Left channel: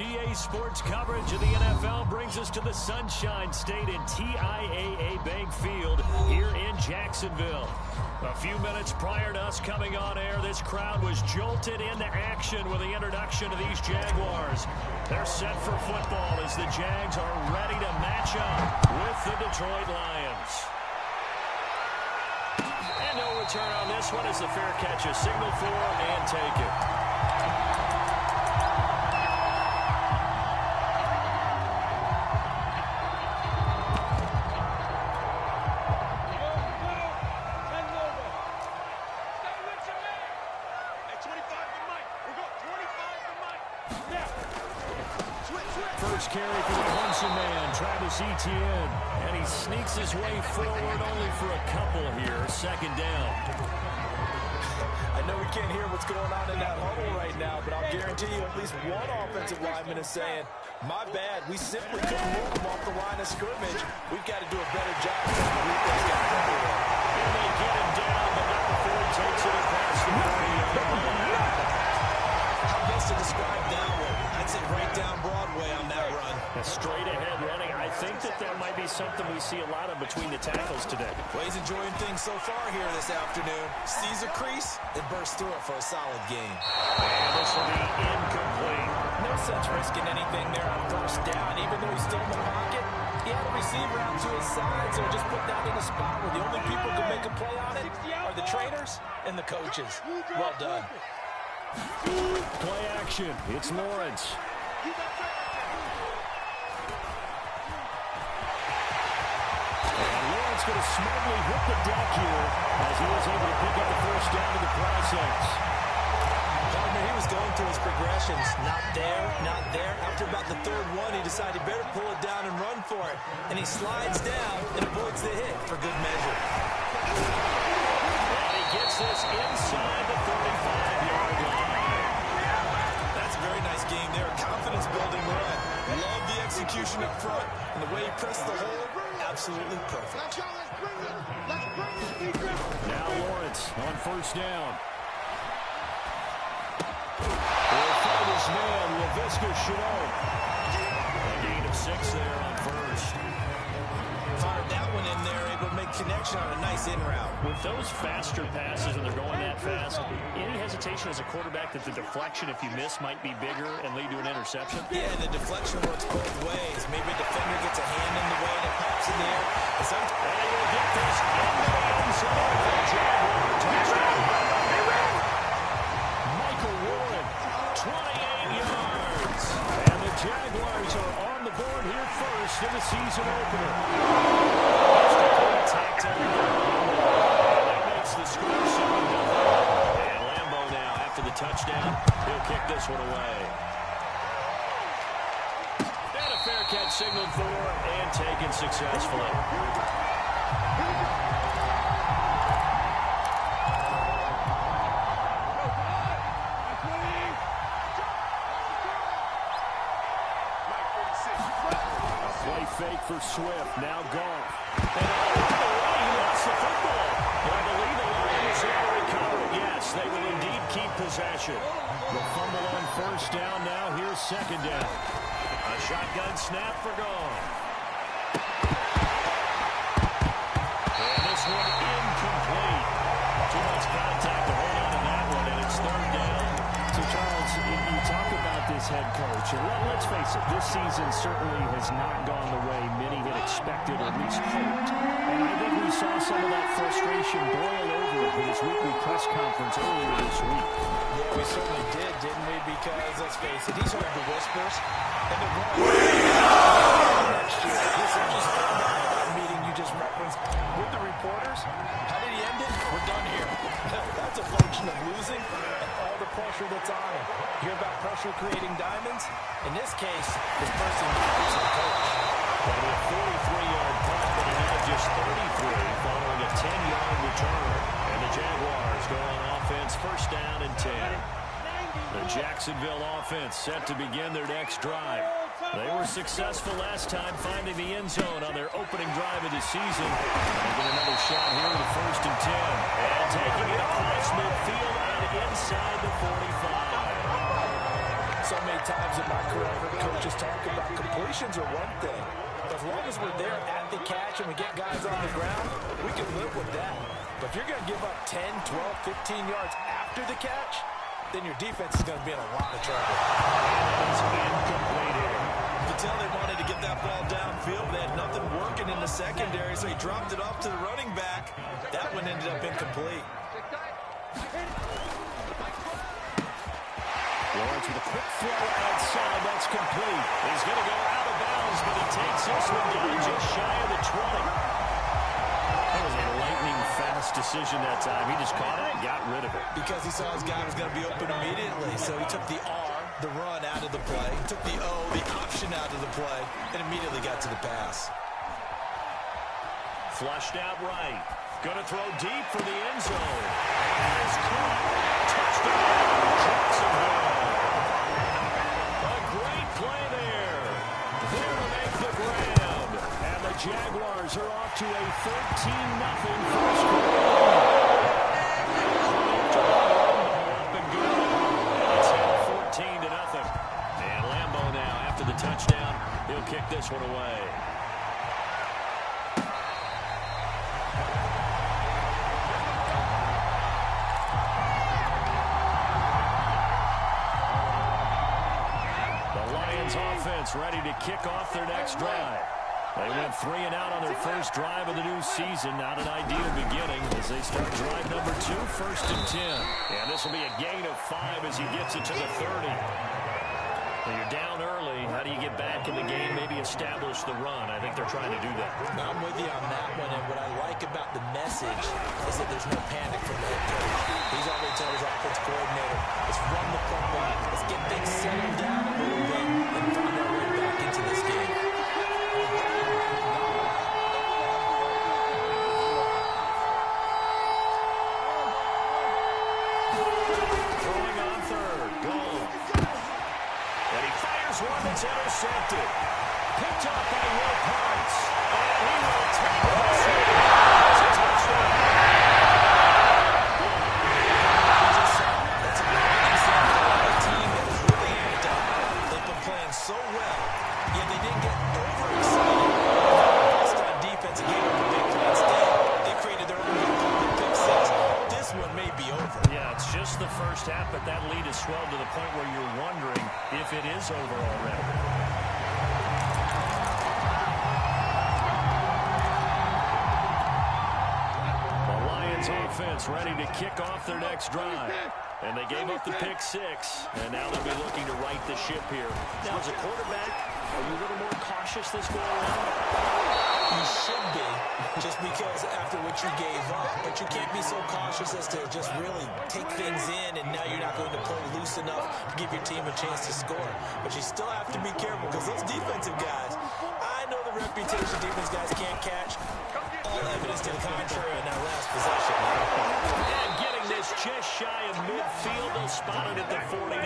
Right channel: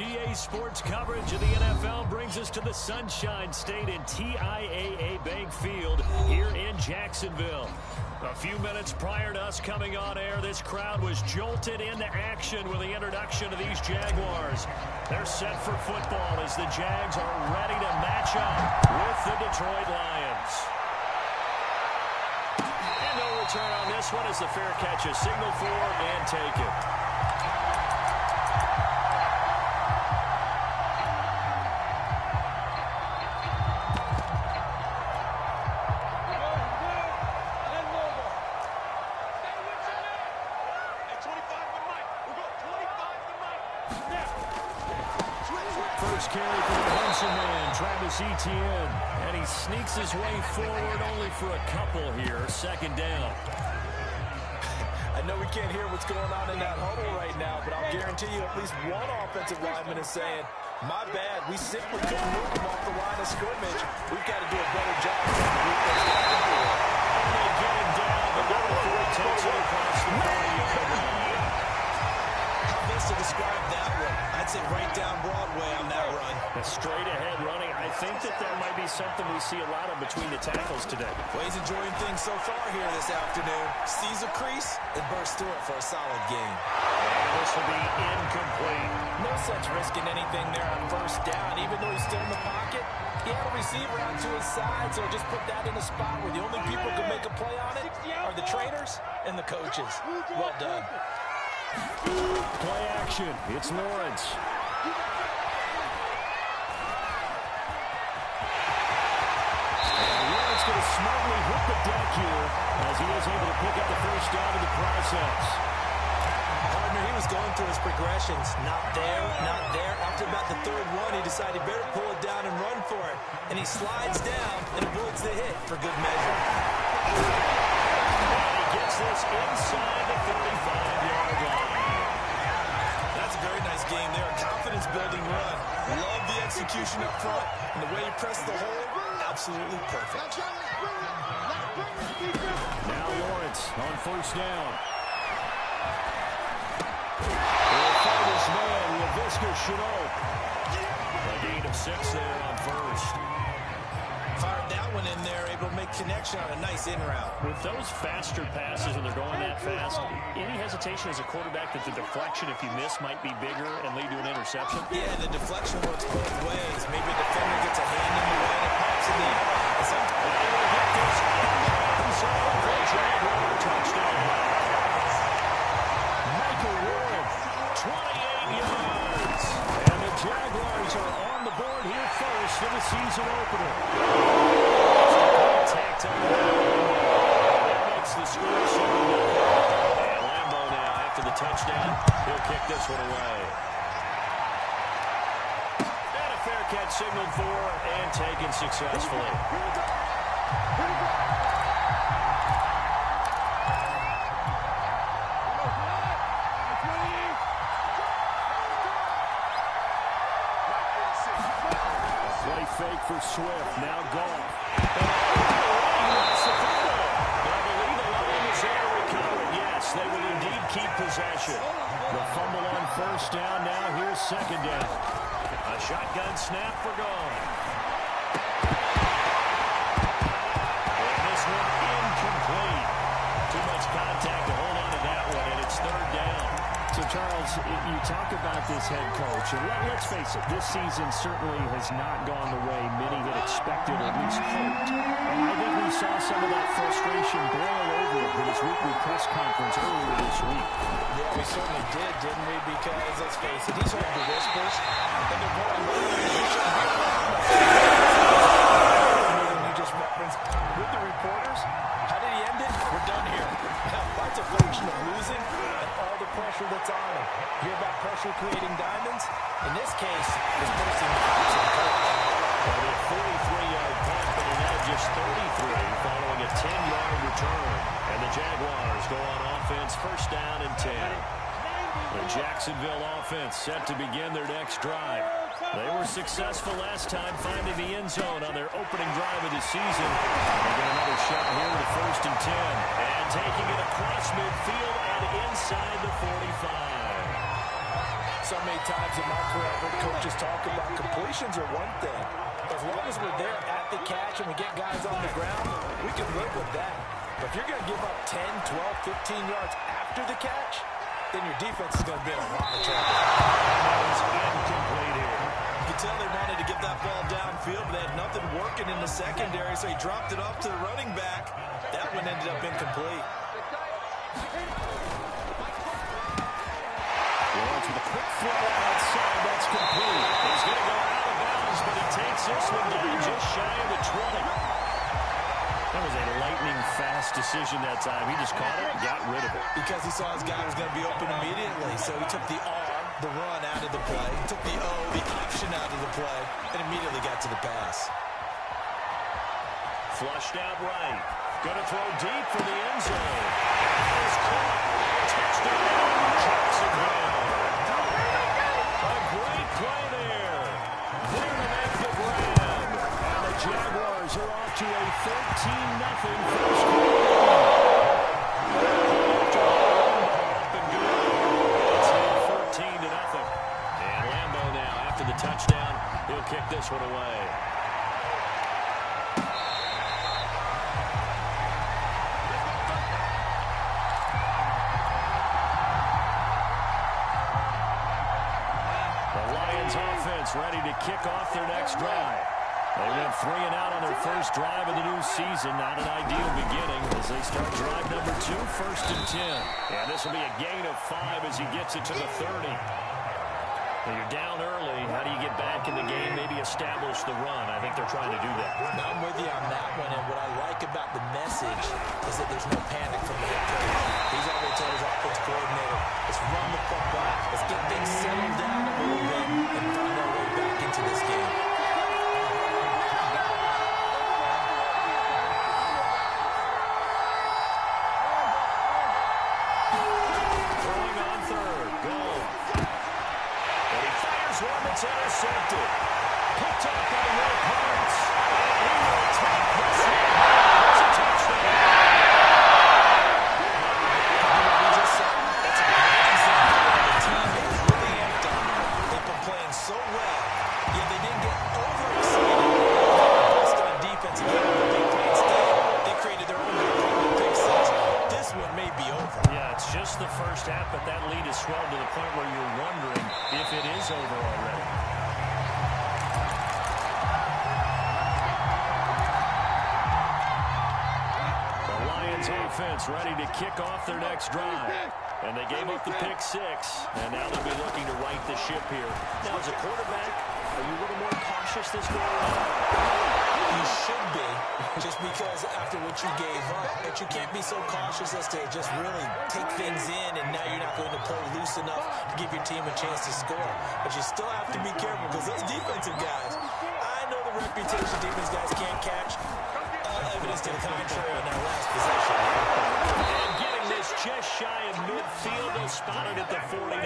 EA Sports coverage of the NFL brings us to the Sunshine State in TIAA Bank Field here in Jacksonville. A few minutes prior to us coming on air, this crowd was jolted into action with the introduction of these Jaguars. They're set for football as the Jags are ready to match up with the Detroit Lions. And no return on this one as the fair catch is signaled for and taken. Carry for the Clemson man, Travis Etienne. And he sneaks his way forward only for a couple here. Second down. I know we can't hear what's going on in that huddle right now, but I'll guarantee you at least one offensive lineman is saying, my bad, we simply couldn't move them off the line of scrimmage. We've got to do a better job trying to move those guys up the way. And they get him down, but not before he takes it across the 40-yard line. How best to describe that one? I'd say right down Broadway on that run. A straight-ahead running. I think that might be something we see a lot of between the tackles today. Well, he's enjoying things so far here this afternoon. Sees a crease and bursts through it for a solid gain. And this will be incomplete. No sense risking anything there on first down. Even though he's still in the pocket, he had a receiver out to his side, so just put that in a spot where the only people who can make a play on it are the trainers and the coaches. Well done. Play action. It's Lawrence. And Lawrence going to smartly hit the deck here as he is able to pick up the first down in the process. Partner, he was going through his progressions. Not there, not there. After about the third one, he decided he better pull it down and run for it. And he slides down and avoids the hit for good measure. And he gets this inside the 35-yard line. That's a very nice game there. A confidence-building run. Love the execution up front. And the way he pressed the hole, absolutely perfect. Now Lawrence on first down. He'll find his man, Laviska Shenault. A gain of 6 there on first. Fired that one in there, able to make connection on a nice in route. With those faster passes when they're going that fast, any hesitation as a quarterback that the deflection, if you miss, might be bigger and lead to an interception? Yeah, the deflection works both ways. Maybe a defender gets a hand in the way and it pops in the air. And they will get this into the end zone for a Jaguar touchdown. Michael Warren, 28 yards. And the Jaguars are on the board here first in the season opener. Extra contact on Lambo. And that makes the score 7-0. And Lambo now, after the touchdown, he'll kick this one away. And a fair catch signaled for and taken successfully. Fake for Swift, now Goff. And oh, by the way, he lost the football. But I believe the Lions was there to recover it. Yes, they will indeed keep possession. The fumble on first down, now here's second down. A shotgun snap for Goff. And this one incomplete. Too much contact to hold on to that one, and it's third down. So, Charles, you talk about this head coach, and let's face it, this season certainly has not gone the way many had expected or at least hoped. And I think we saw some of that frustration boil over with his weekly press conference earlier this week. Yeah, we certainly did, didn't we? Because, let's face it, he's heard the whispers, and they're going meeting you just referenced with the reporters. How did he end it? We're done here. That's a function of losing and all the pressure that's on him. Hear about pressure creating diamonds? In this case, this person is the coach. Well, a 43-yard punt, but an edge just 33 following a 10-yard return. And the Jaguars go on offense, first down and 10. The Jacksonville offense set to begin their next drive. They were successful last time finding the end zone on their opening drive of the season. And they get another shot here with a first and 10. And taking it across midfield and inside the 45. so many times in my career, I've heard coaches talk about completions are one thing. As long as we're there at the catch and we get guys on the ground, we can live with that. But if you're going to give up 10, 12, 15 yards after the catch, then your defense is going to be in a lot of trouble. And it's incomplete here. You can tell they wanted to get that ball downfield, but they had nothing working in the secondary, so he dropped it off to the running back. That one ended up incomplete. Lawrence with a quick throw outside. That's complete. He's going to go out of bounds, but he takes this one down just shy of the 20. That was a lightning-fast decision that time. He just caught it and got rid of it. Because he saw his guy was going to be open immediately, so he took the R, the run, out of the play. He took the O, the option, out of the play, and immediately got to the pass. Flushed out right. Going to throw deep for the end zone. That is caught. Touchdown, Jacksonville. A great play there. There to make the grab. And the Jaguars are off to a 13-0 first quarter lead. After Lambeau up and good. It's now 14-0. And Lambeau now, after the touchdown, he'll kick this one away. The Lions offense ready to kick off their next drive. They went 3 and out on their first drive of the new season. Not an ideal beginning as they start drive number 2, 1st and 10. And this will be a gain of 5 as he gets it to the 30. Well, you're down early. How do you get back in the game? Maybe establish the run. I think they're trying to do that. Now, I'm with you on that one, and what I like about the message is that there's no panic from the head coach. He's already told his offense coordinator, let's run the football, let's get things settled down a little bit and find our way back into this game. Throwing on third. Gone. And he fires one that's intercepted. Picked off by Will Parks. And he will take this one. It's a touchdown. We just saw, that's a great example of a team that was really amped up. They've been playing so well, yet they didn't get overexcited. Now bust on defense and gave up the big play instead. They created their own big play with pick six. This one may be over. Yeah, it's just the first half, but that lead has swelled to the point where you're wondering if it is over already. The Lions offense ready to kick off their next drive. And they gave up the pick six, and now they'll be looking to right the ship here. Now, as a quarterback, are you a little more cautious this go around? You should be, just because after what you gave up. But you can't be so cautious as to just really take things in, and now you're not going to play loose enough to give your team a chance to score. But you still have to be careful, because those defensive guys, I know the reputation defense guys can't catch. All evidence to the contrary on that last possession. And getting this just shy of midfield, they'll spot it at the 49.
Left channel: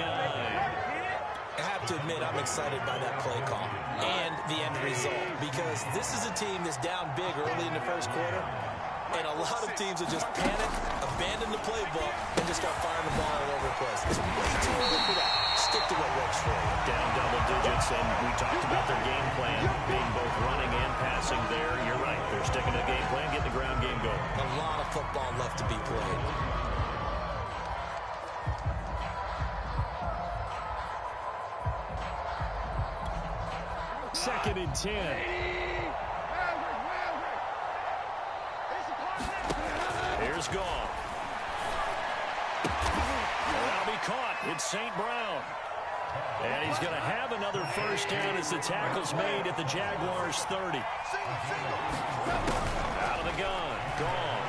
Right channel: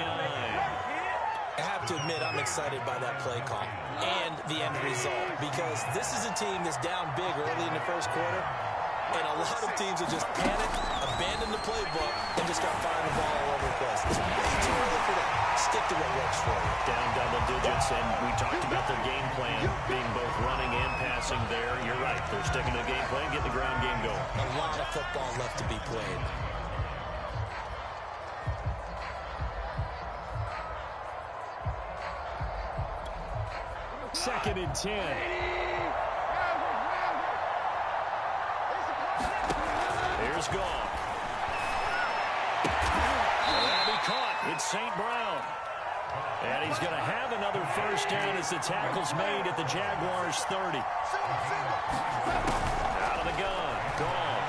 I have to admit, I'm excited by that play call and the end result, because this is a team that's down big early in the first quarter, and a lot of teams will just panic, abandon the playbook, and just start firing the ball all over the place. It's way too early for that. Stick to what works for you. Down double digits, and we talked about their game plan being both running and passing there. You're right. They're sticking to the game plan, getting the ground game going. A lot of football left to be played. Second and 10. Here's Goff. That'll be caught. It's St. Brown. And he's going to have another first down as the tackle's made at the Jaguars' 30. Out of the gun. Goff.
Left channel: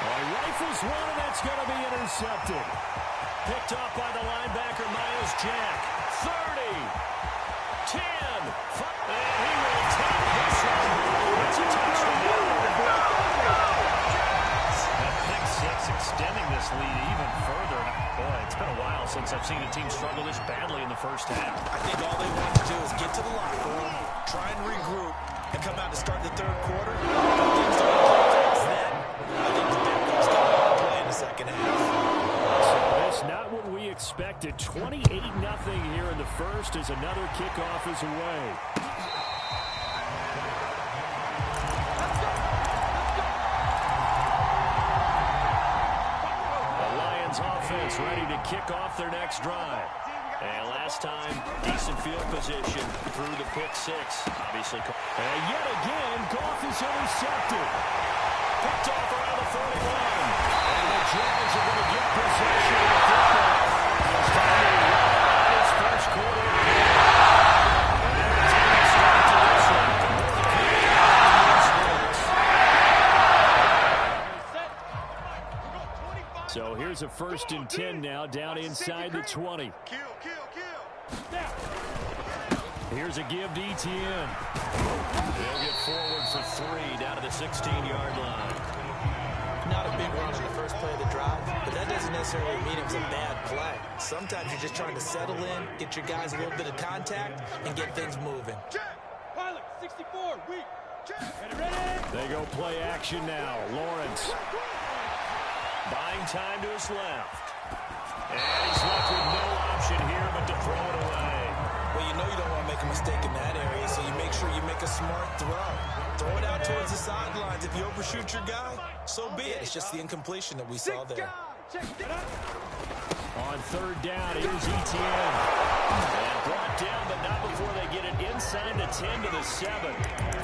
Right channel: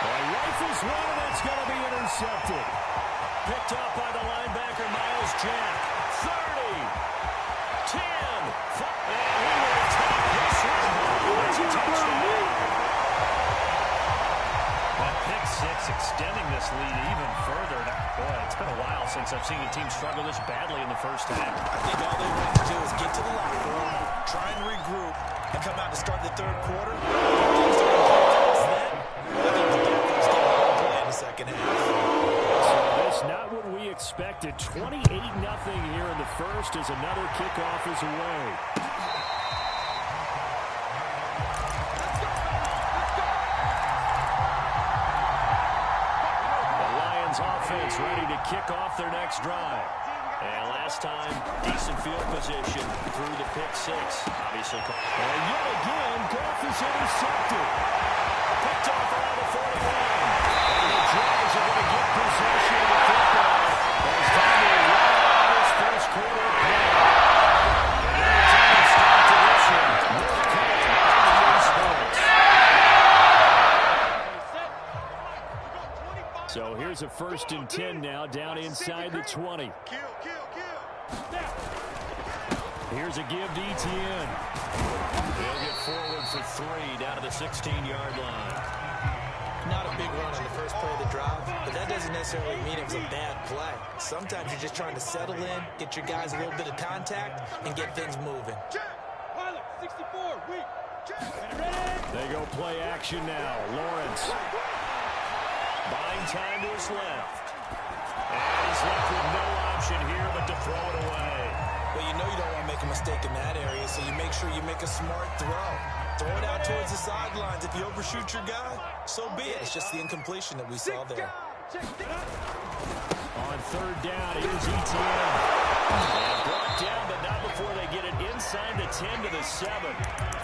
Well, he rifles one, and that's going to be intercepted. Picked off by the linebacker, Miles Jack. 30. 10, and he will take this one. It's a touchdown. That pick six extending this lead even further. Boy, it's been a while since I've seen a team struggle this badly in the first half. I think all they want to do is get to the locker room, try and regroup, and come out to start the third quarter. If things don't improve past then, I think the backups get a lot of play in the second half. So this not what we expected. 28-0 here in the first as another kickoff is away. The Lions offense ready to kick off their next drive. And last time, decent field position through the pick six. Obviously. And yet again, Goff is intercepted. Picked off around the 41. And the Jags are going to get possession of the football. And it's time to run out this first quarter of play. An entertaining start to this one. More to come on the Sports. So here's a 1st and 10 now, down inside the 20. Here's a give to Etienne. They'll get forward for 3 down to the 16-yard line. Not a big run on the first play of the drive, but that doesn't necessarily mean it was a bad play. Sometimes you're just trying to settle in, get your guys a little bit of contact, and get things moving. Pilot, 64, weak. They go play action now. Lawrence. Buying time to his left. And he's left with no option here but to throw it away. Well, you know you don't want to make a mistake in that area, so you make sure you make a smart throw. Throw it out towards the sidelines. If you overshoot your guy, so be it. It's just the incompletion that we saw there. On 3rd down, here's Etienne. And brought down, but not before they get it inside the 10 to the 7.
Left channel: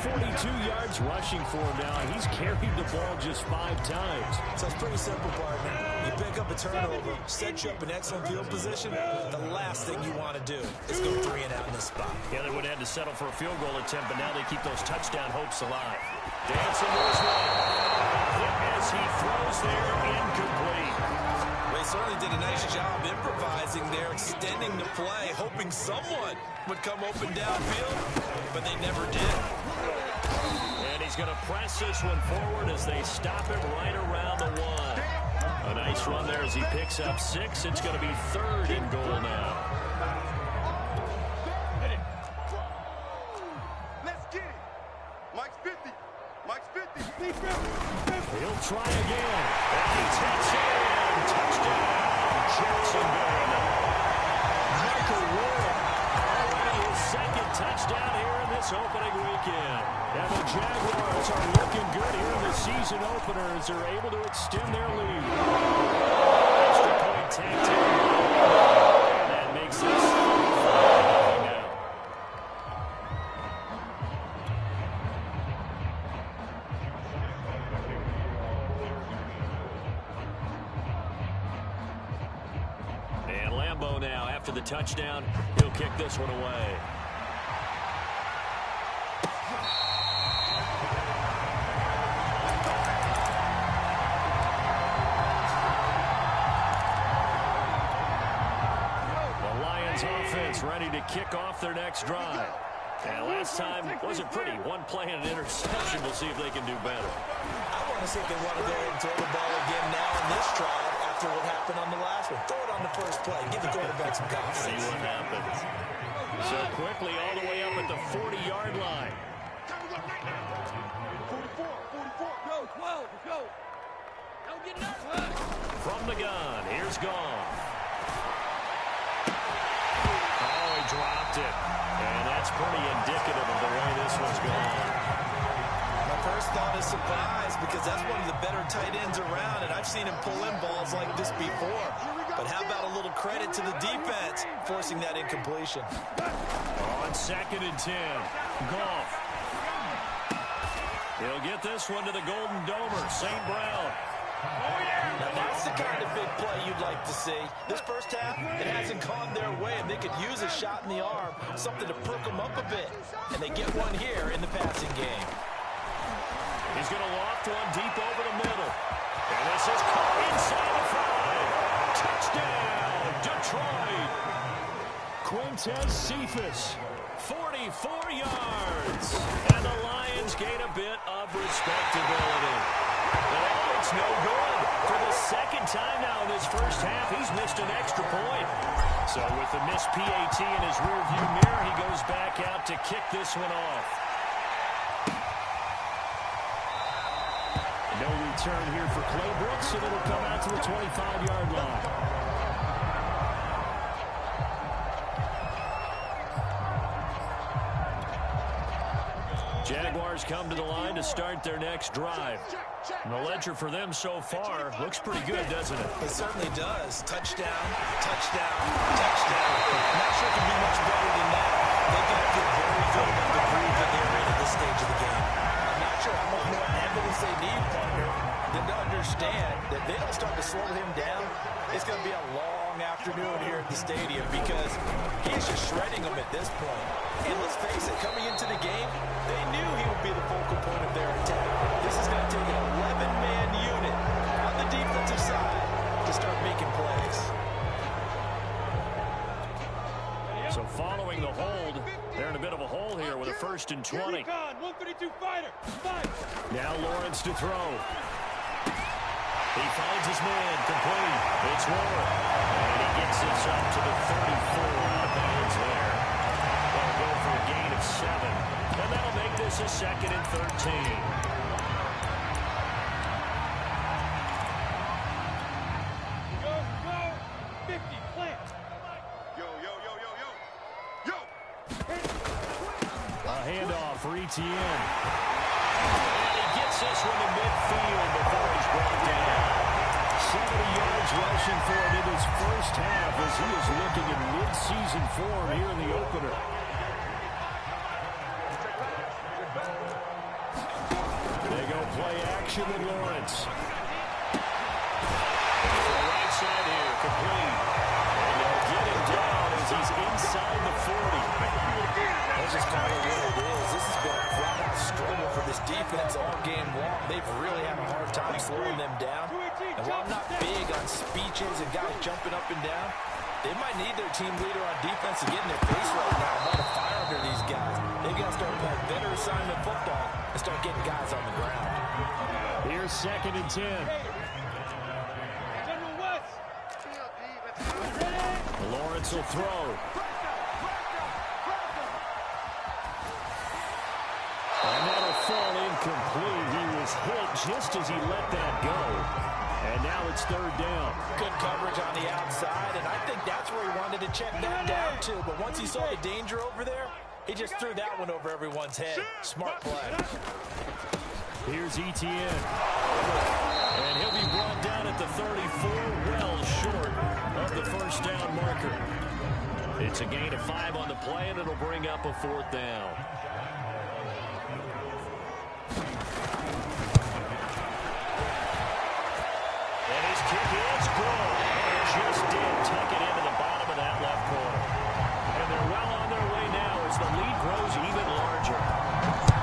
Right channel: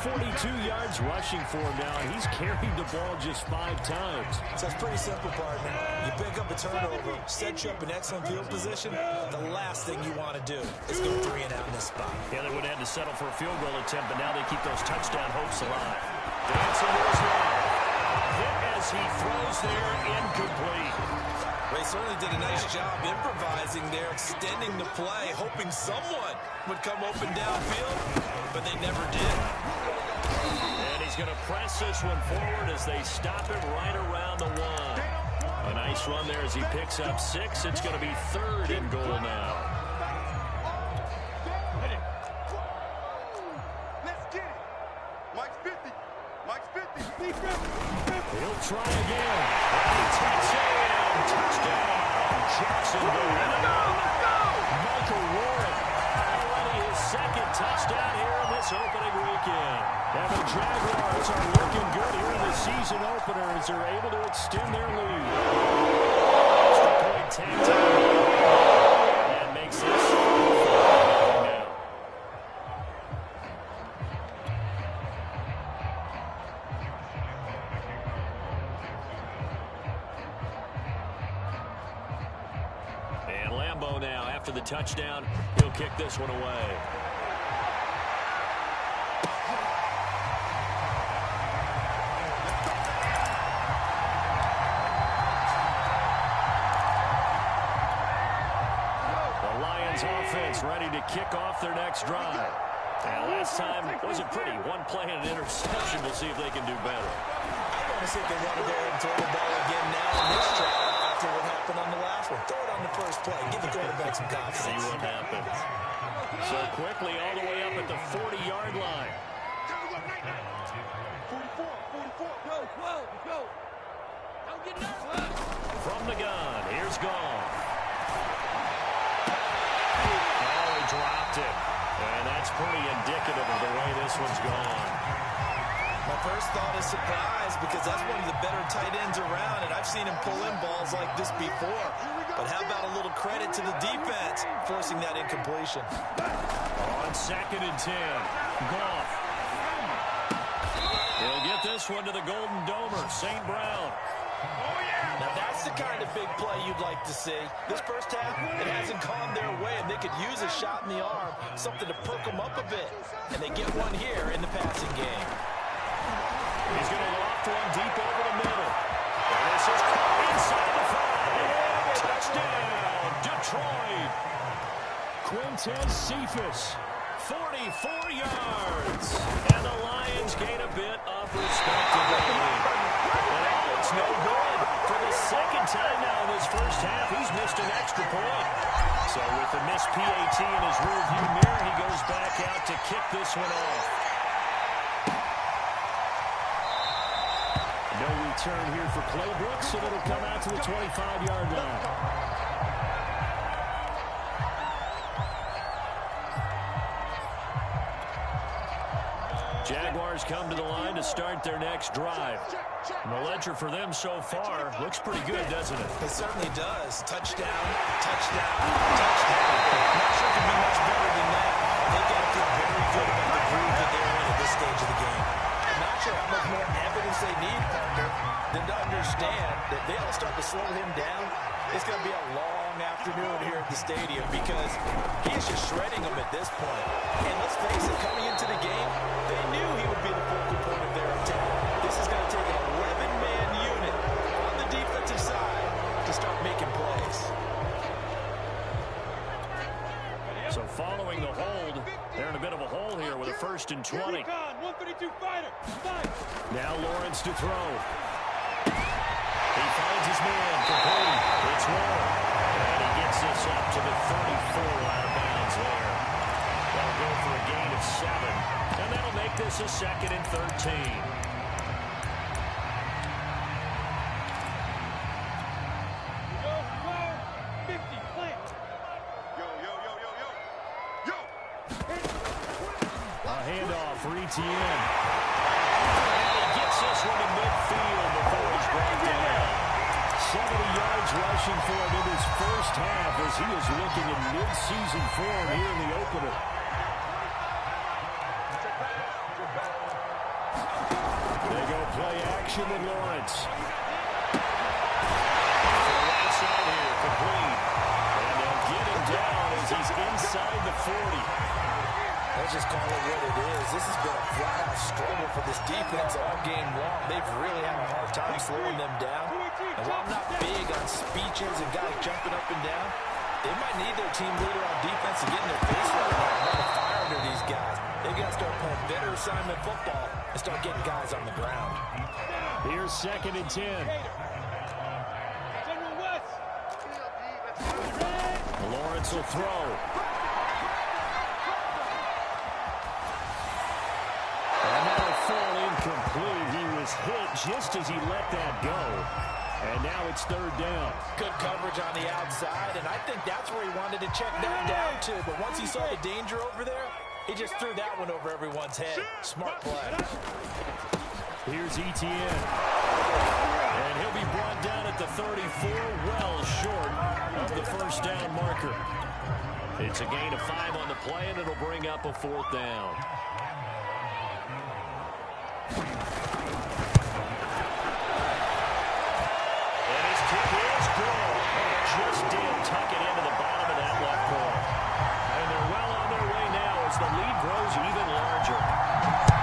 42 yards rushing for him now, and he's carried the ball just 5 times. So it's pretty simple, partner. You pick up a turnover, set you up in excellent field position. The last thing you want to do is go 3 and out in this spot. Yeah, they would have had to settle for a field goal attempt, but now they keep those touchdown hopes alive. Dancing to his left. Hit as he throws there, incomplete. They certainly did a nice job improvising there, extending the play, hoping someone would come open downfield, but they never did. And he's going to press this one forward as they stop him right around the 1. A nice run there as he picks up 6. It's going to be 3rd and goal now. Let's get it. Mike's 50. Mike's 50. He'll try again. And he takes it in. Touchdown, Jacksonville. Michael Warren, already his 2nd touchdown here in this opening weekend. And the Jaguars are looking good here in the season opener as they're able to extend their lead. Extra point tagged in. And that makes this 5-0 now. And Lambeau now, after the touchdown, he'll kick this one away. The Lions offense ready to kick off their next drive. And last time wasn't pretty. 1 play and an interception. We'll see if they can do better. I want to see if they want to go ahead and throw the ball again now in this drive after what happened on the last one. Throw it on the first play. Give the quarterback some confidence. See what happens. So quickly all the way up at the 40-yard line. 44, 44, go, 12, go. Don't get nervous. From the gun, here's Goff. Oh, he dropped it. And that's pretty indicative of the way this one's gone. My first thought is surprise because that's one of the better tight ends around, and I've seen him pull in balls like this before. But how about a little credit to the defense forcing that incompletion? On 2nd and 10, Goff. He'll get this one to the Golden Domer, St. Brown. Now that's the kind of big play you'd like to see. This first half, it hasn't gone their way, and they could use a shot in the arm, something to perk them up a bit. And they get one here in the passing game. He's going to loft one deep over the middle. And this is caught inside the 5. Touchdown, Detroit. Quintez Cephas, 44 yards. And the Lions gain a bit of respectability. And it's no good. For the 2nd time now in this first half, he's missed an extra point. So with the missed PAT in his rearview mirror, he goes back out to kick this one off. No return here for Clay Brooks, and it'll come out to the 25-yard line. Jaguars come to the line to start their next drive. And the ledger for them so far looks pretty good, doesn't it? It certainly does. Touchdown, touchdown, touchdown. Not sure it can be much better than that. They've got to feel very good about the groove that they're in at this stage of the game. I'm not sure how much more evidence they need, partner, than to understand that they don't start to slow him down. It's going to be a long afternoon here at the stadium because he is just shredding them at this point. And let's face it, coming into the game, they knew he would be the focal point of their attack. This is going to take an 11-man unit on the defensive side to start making plays. So following the hold, they're in a bit of a hole here with a 1st and 20. 132 fighter. Now Lawrence to throw. He finds his man, complete. It's Warren. And he gets this up to the 34 out of bounds there. They'll go for a gain of 7. And that'll make this a 2nd and 13. Go, 50, plant. Yo. A handoff for Etienne. And he gets this one to midfield before he's brought down. 70 yards rushing for him in his first half as he is looking in mid-season form here in the opener. They go play action with Lawrence. To the right side here, complete. And they'll get him down as he's inside the 40. Let's just call it what it is. This has been a flat-out struggle for this defense all game long. They've really had a hard time slowing them down. And while I'm not big on speeches and guys jumping up and down, they might need their team leader on defense to get in their face right now and light a fire under these guys. They got to start playing better assignment football and start getting guys on the ground. Here's 2nd and 10. General West. Lawrence will throw. And that'll fall incomplete. He was hit just as he let that go. And now it's 3rd down. Good coverage on the outside, and I think that's where he wanted to check that down to. But once he saw the danger over there, he just threw that one over everyone's head. Smart play. Here's Etienne. And he'll be brought down at the 34, well short of the 1st down marker. It's a gain of 5 on the play, and it'll bring up a 4th down. And his kick is good. Oh, just did tuck it into the bottom of that left corner. And they're well on their way now as the lead grows even larger.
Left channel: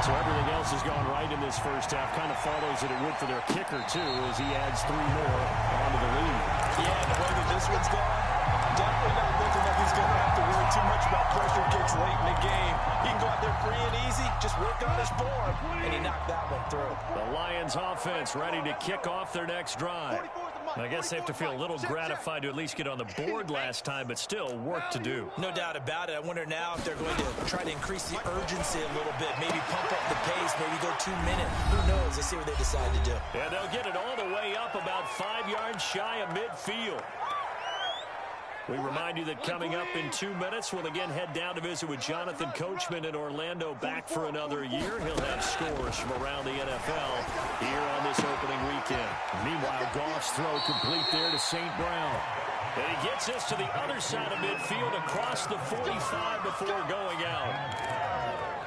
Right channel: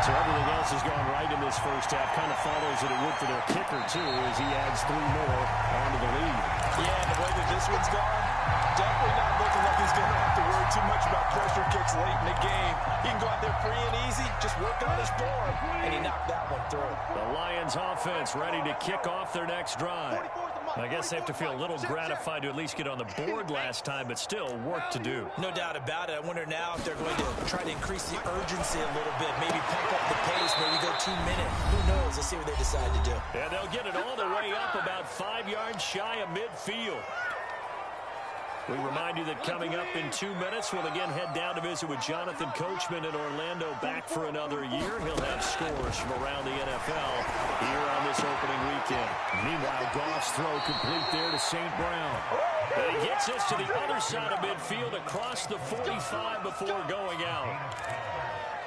So everything else has gone right in this first half. Kind of follows that it would for their kicker, too, as he adds 3 more onto the lead. Yeah, and the way that this one's gone, definitely not looking like he's going to have to worry too much about pressure kicks late in the game. He can go out there free and easy, just work on his form, and he knocked that one through. The Lions offense ready to kick off their next drive. I guess they have to feel a little gratified to at least get on the board last time, but still work to do. No doubt about it. I wonder now if they're going to try to increase the urgency a little bit, maybe pump up the pace, maybe go 2 minutes. Who knows? Let's see what they decide to do. And they'll get it all the way up about 5 yards shy of midfield. We remind you that coming up in 2 minutes, we'll again head down to visit with Jonathan Coachman in Orlando, back for another year. He'll have scores from around the NFL here on this opening weekend. Meanwhile, Goff's throw complete there to St. Brown. And he gets this to the other side of midfield across the 45 before going out.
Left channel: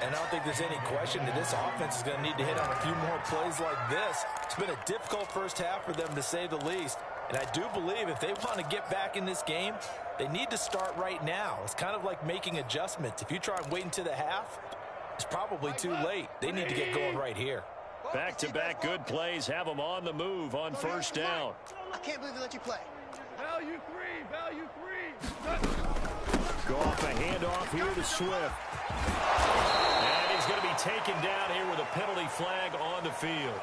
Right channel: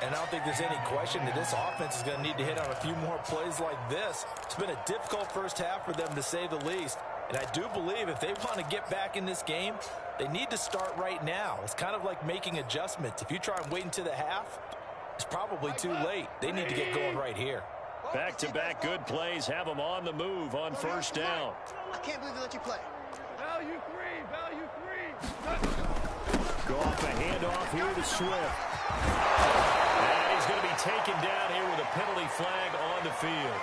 And I don't think there's any question that this offense is going to need to hit on a few more plays like this. It's been a difficult first half for them, to say the least. And I do believe if they want to get back in this game, they need to start right now. It's kind of like making adjustments. If you try and wait until the half, it's probably too late. They need to get going right here. Back-to-back good plays have them on the move on 1st down. I can't believe they let you play. Value 3, value 3. Go off a handoff here to Swift. And he's going to be taken down here with a penalty flag on the field.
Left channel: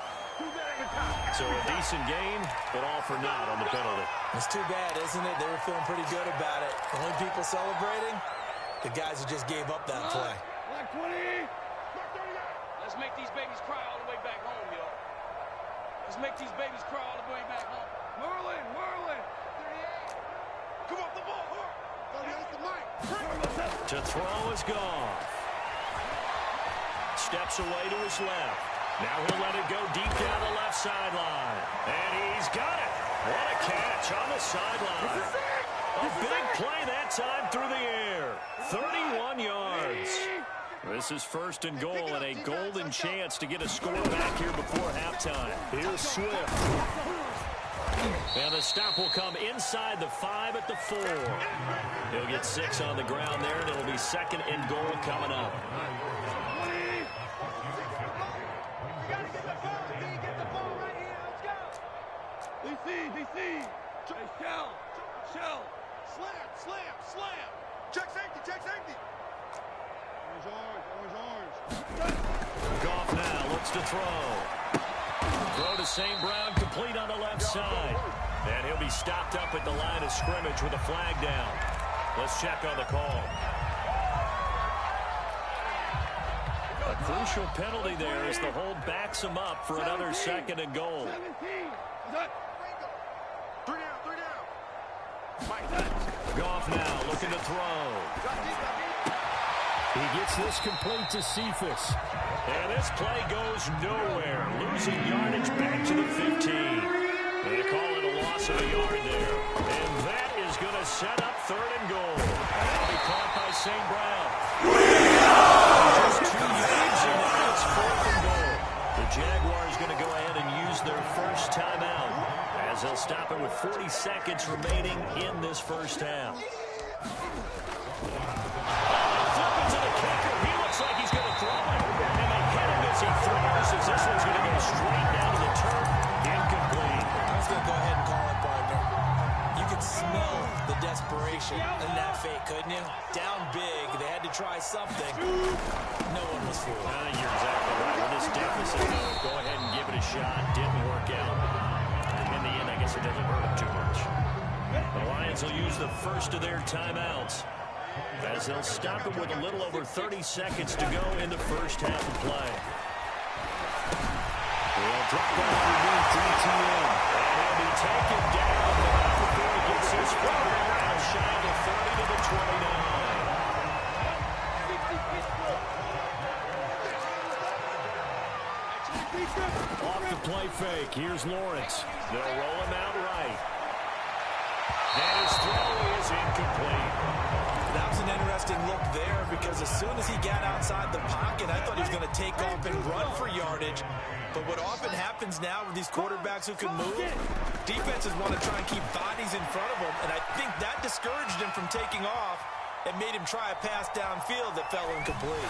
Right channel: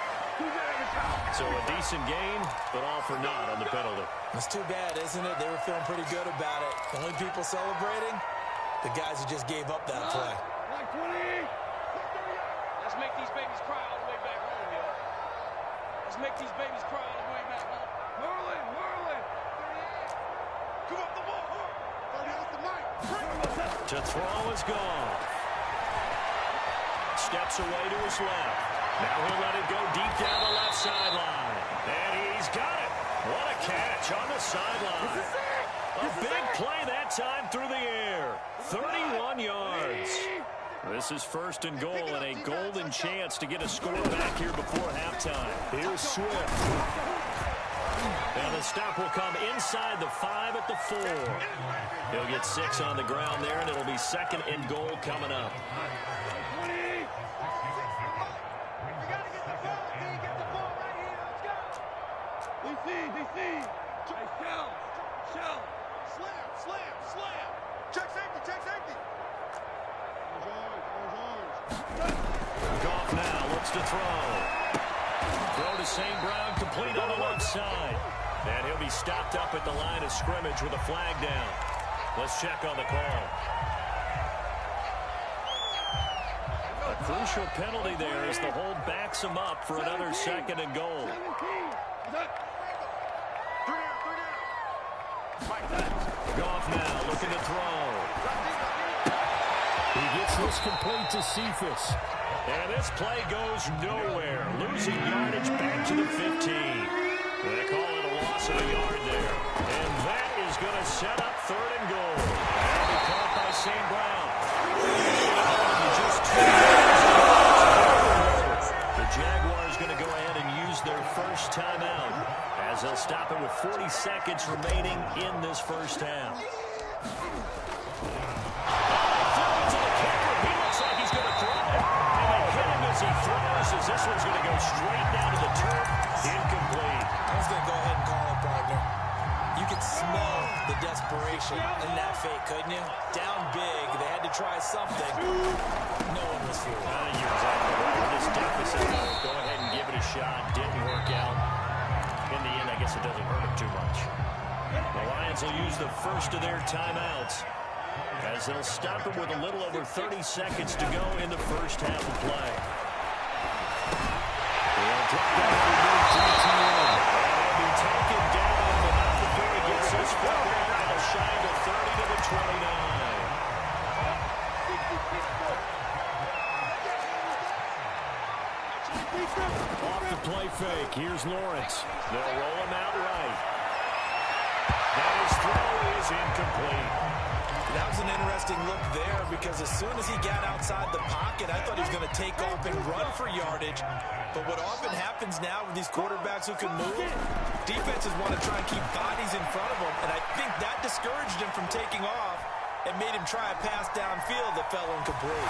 So a decent gain, but all for naught on the penalty. It's too bad, isn't it? They were feeling pretty good about it. The only people celebrating, the guys who just gave up that play. Like 20. Let's make these babies cry all the way back home, yo. Let's make these babies cry all the way back home. Whirling, whirling. 38. Come up the ball, hurry. 30, that's the mic. To throw is gone. Steps away to his left. Now he'll let it go deep down the left sideline. And he's got it. What a catch on the sideline. This is it. A big play that time through the air. 31 yards. This is first and goal and a golden chance to get a score back here before halftime. Here's Swift. And the stop will come inside the 5 at the 4. He'll get 6 on the ground there, and it'll be second and goal coming up. 20. We got to get the ball, D. Get the ball right here. Let's go. DC. Hey, shell. Slam. Check safety. Orange. Goff now looks to throw. Throw to St. Brown, complete on the left side. And he'll be stopped up at the line of scrimmage with a flag down. Let's check on the call. A crucial penalty there as the hold backs him up for another second and goal. 17. Goff now looking to throw. He gets this complete to Cephas. And this play goes nowhere. Losing yardage back to the 15. They call it a loss of a yard there. And that is going to set up third and goal. That'll be caught by St. Brown. Just 2 yards and now it's fourth and goal. The Jaguars going to go ahead and use their first timeout as they'll stop it with 40 seconds remaining in this first half. Like he's going to throw it, and they hit him as he throws, as this one's going to go straight down to the turf, incomplete. I was going to go ahead and call it, partner. You could smell the desperation in that fake, couldn't you? Down big, they had to try something. No one was fooled. You're exactly right. With this deficit, though, go ahead and give it a shot. Didn't work out. In the end, I guess it doesn't hurt him too much. The Lions will use the first of their timeouts, as they'll stop him with a little over 30 seconds to go in the first half of play. They'll drop that underneath DTM. And he'll be taken down, but not before he gets his football out, shy of the 30 to the 29. Off the play fake. Here's Lawrence. They'll roll him out right. And his throw is incomplete. That was an interesting look there because as soon as he got outside the pocket, I thought he was going to take off and run for yardage. But what often happens now with these quarterbacks who can move, defenses want to try and keep bodies in front of them, and I think that discouraged him from taking off and made him try a pass downfield that fell incomplete.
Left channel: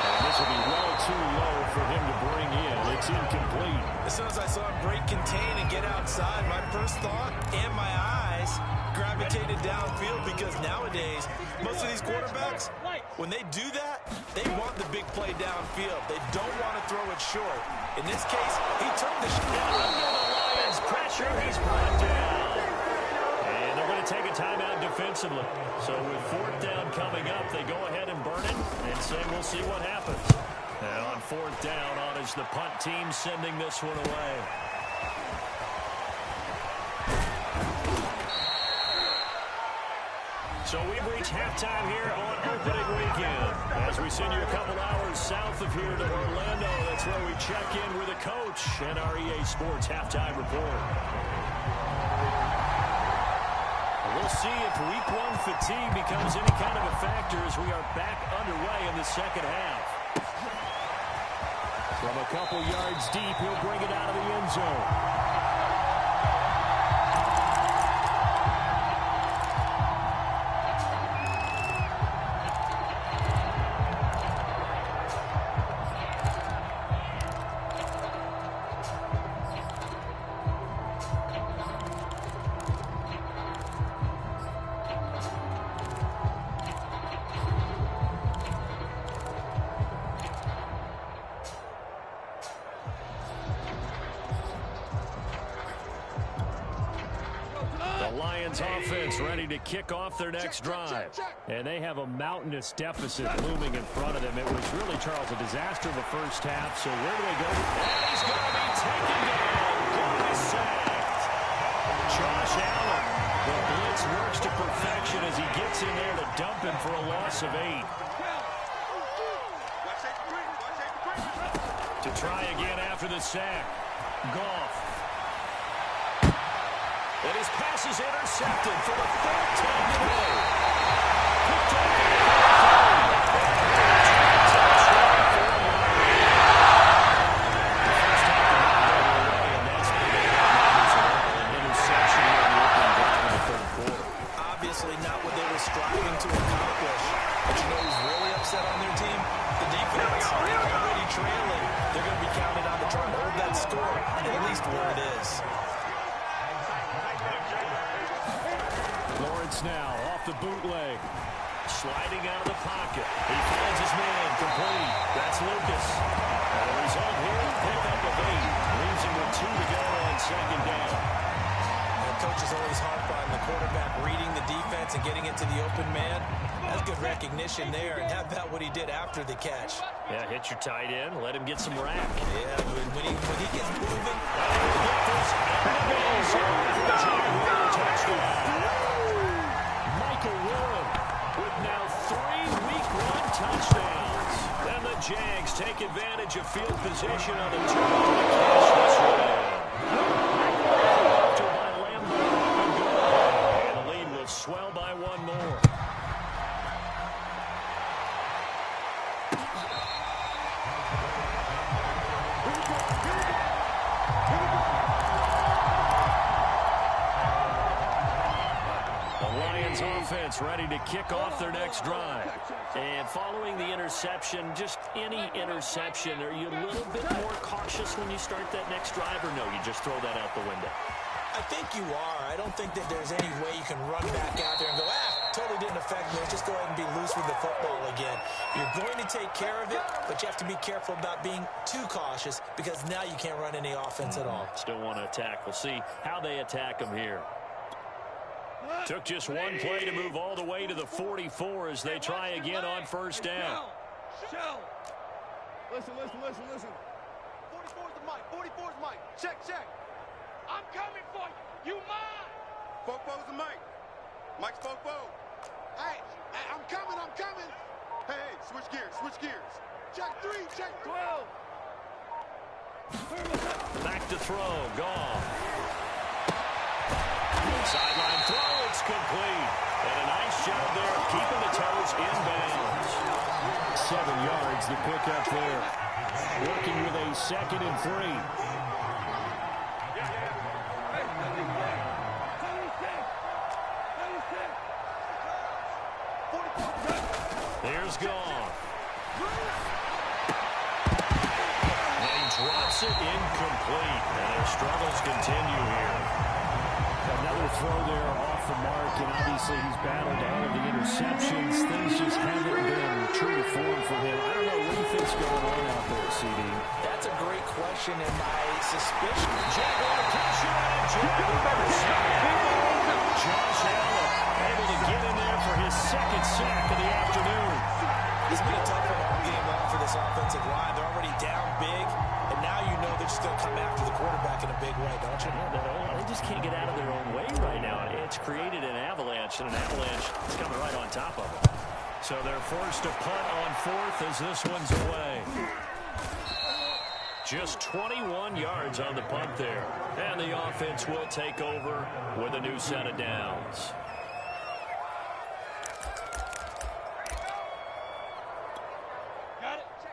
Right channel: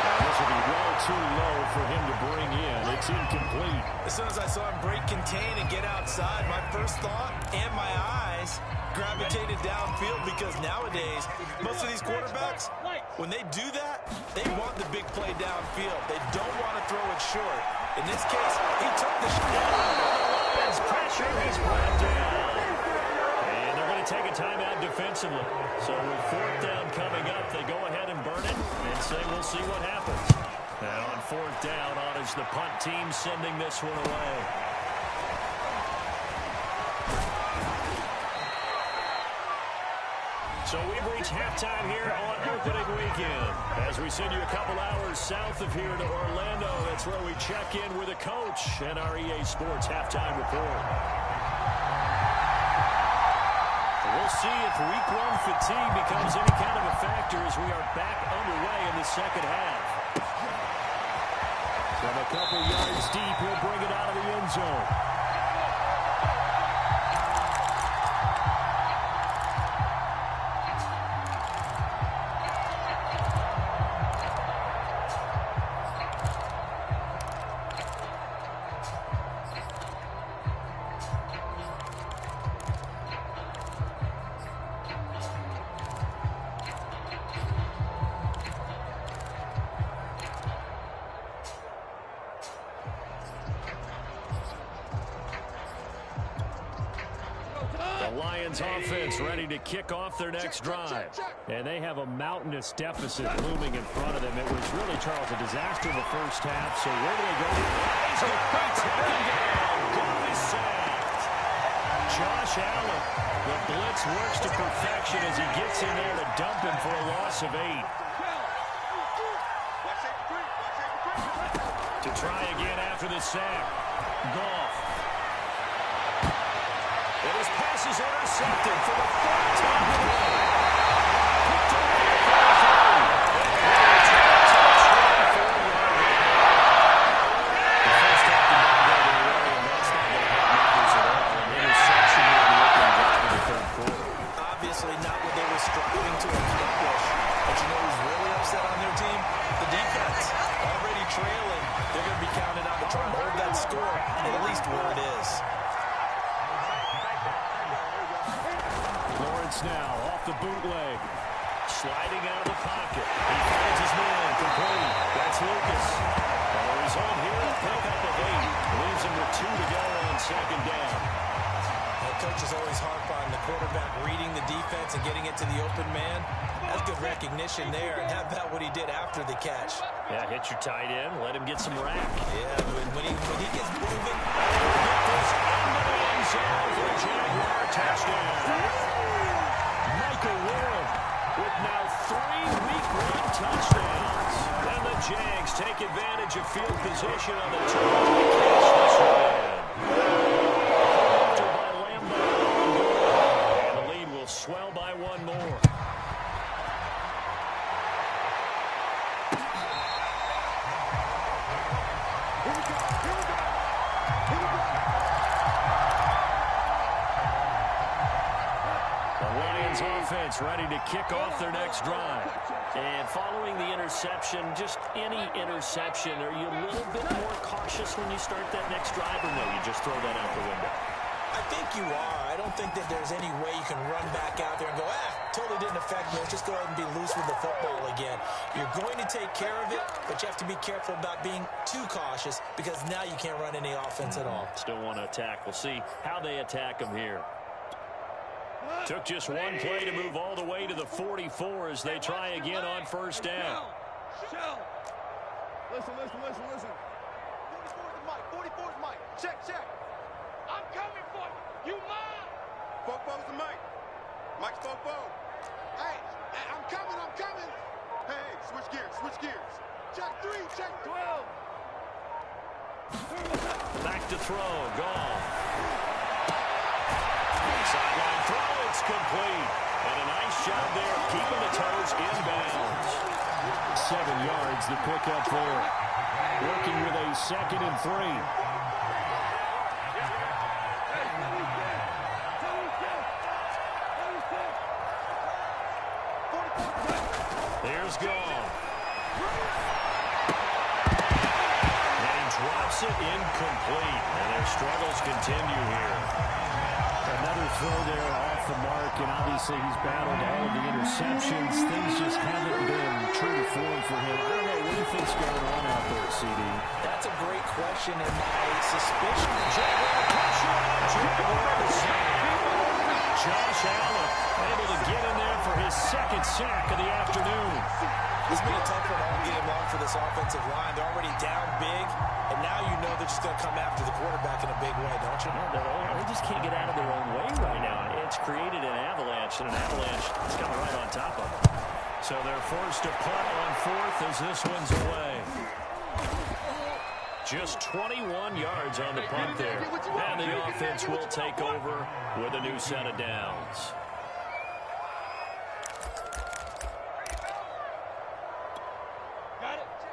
And this will be well too low for him to bring in. It's incomplete. As soon as I saw him break contain and get outside, my first thought and my eyes gravitated downfield because nowadays, most of these quarterbacks, when they do that, they want the big play downfield. They don't want to throw it short. In this case, he took the shot. Under the Lions' pressure, he's brought down. And they're going to take a timeout defensively. So with fourth down coming up, they go ahead and burn it and say we'll see what happens. And on fourth down, on is the punt team sending this one away. So we've reached halftime here on opening weekend. As we send you a couple hours south of here to Orlando, that's where we check in with a coach and our EA Sports halftime report. We'll see if week one fatigue becomes any kind of a factor as we are back underway in the second half. From a couple yards deep, he'll bring it out of the end zone. The Lions offense ready to kick off their next drive. And they have a mountainous deficit looming in front of them. It was really, Charles, a disaster in the first half. So where do they go? And he's going to be taken down. Goal is sacked. Josh Allen. The blitz works to perfection as he gets in there to dump him for a loss of 8. To try again after the sack. Goff. And his pass is intercepted for the 4th time today. Picked up at the 33. And he returned to the 24-yard line. The first half did not go their way, and that's not going to help matters at all. An interception here on the opening drive of the 3rd quarter. Obviously not what they were striving to accomplish. But you know who's really upset on their team? The defense. Already trailing. They're going to be counted on to try and hold that score, at least where it is. Lawrence now off the bootleg. Sliding out of the pocket. He finds his man complete. That's Lucas. And the result here, a pickup of 8. Leaves him with 2 to go on 2nd down. And coaches always harp on the quarterback reading the defense and getting it to the open man. That's good recognition there. And how about what he did after the catch? Yeah, hit your tight end. Let him get some rack. Yeah, when he gets moving. And he'll get this into the end zone for the Jaguar touchdown. Michael Warren with now 3 Week 1 touchdowns. And the Jags take advantage of field position on the turn to catch this one in. After by Lambo, up and good. And the lead will swell by 1 more. Lions offense ready to kick off their next drive. And following the interception, just any interception, are you a little bit more cautious when you start that next drive, or no, you just throw that out the window? I think you are. I don't think that there's any way you can run back out there and go, totally didn't affect me. Let's just go ahead and be loose with the football again. You're going to take care of it, but you have to be careful about being too cautious because now you can't run any offense at all. Still want to attack. We'll see how they attack them here. Took just 1 play to move all the way to the 44 as they try again on 1st down. Shell. Listen. 44's the mic. 44's mic. Check. I'm coming for you. You mine. Fofo's the mic. Mike's Fofo. Hey, I'm coming. Hey, switch gears. Check 3, check 12. Back to throw. Gone. Sideline throw, it's complete. And a nice job there of keeping the toes inbounds. 7 yards, the pickup there. Working with a 2nd and 3. Here's Goff. And he drops it incomplete. And their struggles continue here. Another throw there off the mark, and obviously he's battled all of the interceptions. Things just haven't been true to form for him. I don't know, what do you think's going on out there, CD? That's a great question, and my suspicion. Jaguar pressure on Jaguar sack. Josh Allen able to get in there for his 2nd sack of the afternoon. It's been a tough one all game long for this offensive line. They're already down big, and now you know they're just going to come after the quarterback in a big way, don't you? Yeah, they just can't get out of their own way right now. It's created an avalanche, and an avalanche is coming right on top of them. So they're forced to punt on 4th as this one's away. Just 21 yards on the punt there. And the offense will take over with a new set of downs.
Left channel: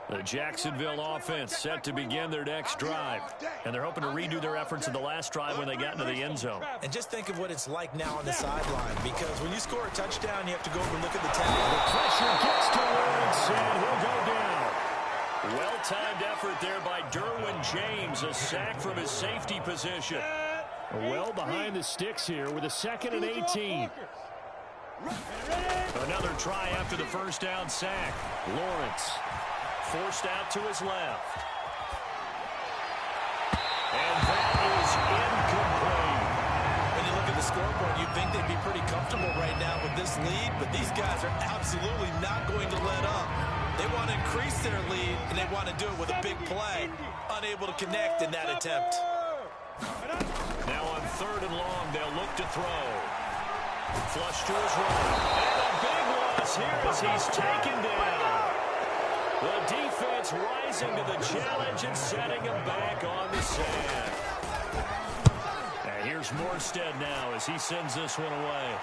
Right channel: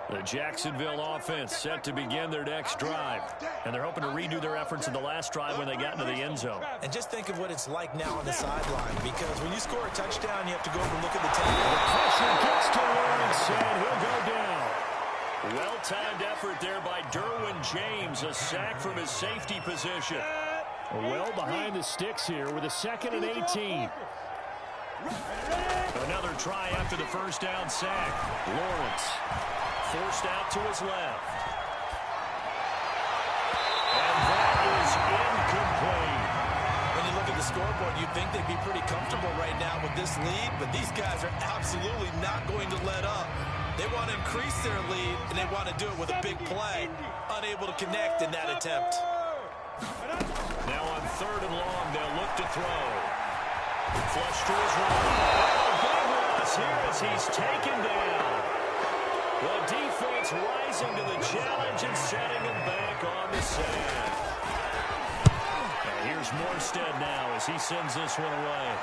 The Jacksonville offense set to begin their next drive. And they're hoping to redo their efforts in the last drive when they got into the end zone. And just think of what it's like now on the sideline, because when you score a touchdown, you have to go over and look at the tackle. The pressure gets to Lawrence, and he'll go down. Well-timed effort there by Derwin James, a sack from his safety position. Well behind the sticks here with a 2nd and 18. Another try after the 1st down sack. Lawrence forced out to his left. And that is incomplete. When you look at the scoreboard, you'd think they'd be pretty comfortable right now with this lead, but these guys are absolutely not going to let up. They want to increase their lead, and they want to do it with a big play. Unable to connect in that attempt. Now on 3rd and long, they'll look to throw. Flush to his right. And a big loss here as he's taken down. The defense rising to the challenge and setting him back on the sand. And here's Morstead now as he sends this one away.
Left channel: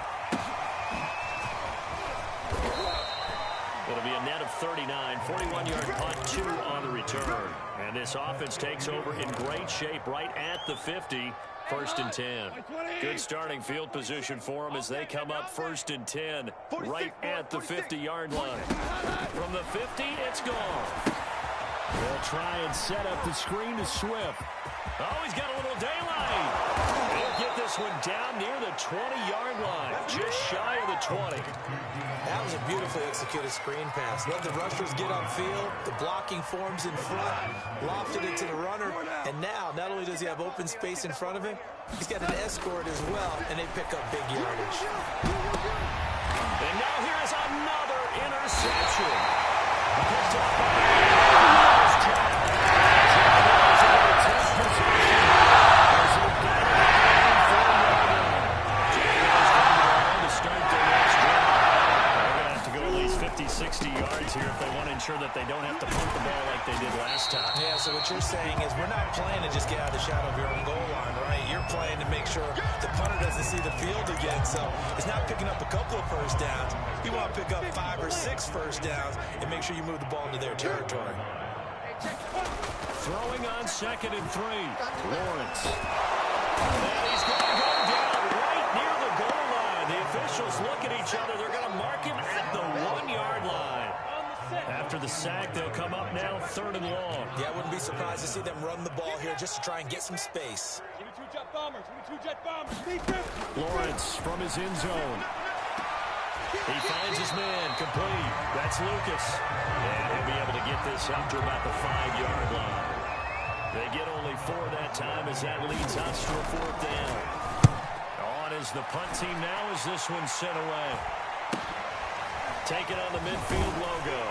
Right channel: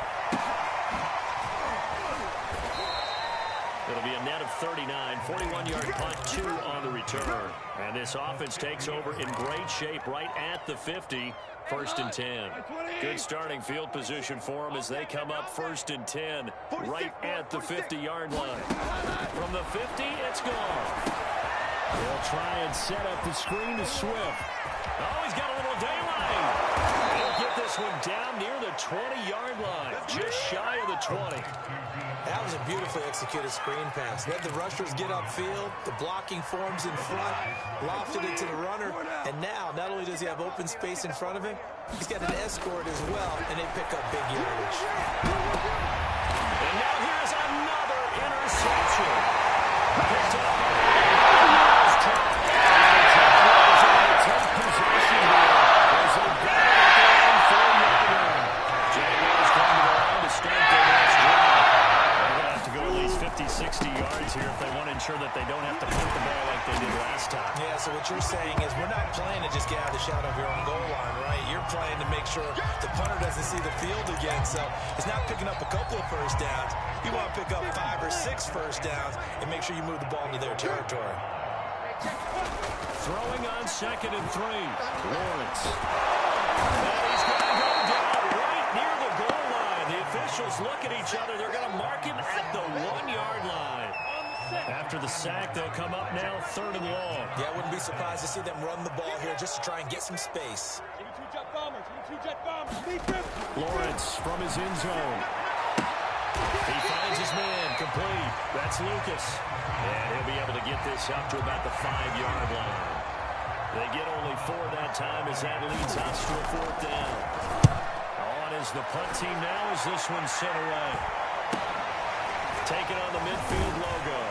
It'll be a net of 39, 41-yard punt, 2 on the return. And this offense takes over in great shape right at the 50, 1st and 10. Good starting field position for them as they come up 1st and 10, right at the 50-yard line. From the 50, it's gone. They'll try and set up the screen to Swift. Oh, he's got a little daylight. He'll get this one down near the 20-yard line, just shy of the 20. That was a beautifully executed screen pass. Let the rushers get upfield. The blocking forms in front. Lofted it to the runner. And now, not only does he have open space in front of him, he's got an escort as well, and they pick up big yardage. And now here's another interception. Picked up by the Jaguars. The Jaguars are going to take possession here as they've got it at their own 4-yard line. Jaguars going to go on to start their next drive. They're going to have to go at least 50, 60 yards here if they want to ensure that they don't have to punt the ball like they did last time. Yeah, so what you're saying is we're not playing to just get out of the shadow of your own goal line, right? You're playing to make sure the punter doesn't see the field again. So it's not picking up a couple of first downs. You want to pick up 5 or 6 first downs and make sure you move the ball into their territory. Throwing on 2nd and 3. Lawrence. And he's going to go down right near the goal line. The officials look at each other. They're going to mark him at the 1-yard line. After the sack, they'll come up now 3rd and long. Yeah, I wouldn't be surprised to see them run the ball here just to try and get some space. Lawrence from his end zone. He finds his man, complete. That's Lucas. And he'll be able to get this up to about the 5-yard line. They get only 4 that time as that leads us to a 4th down. On is the punt team now as this one's sent away. Taking on the midfield logo.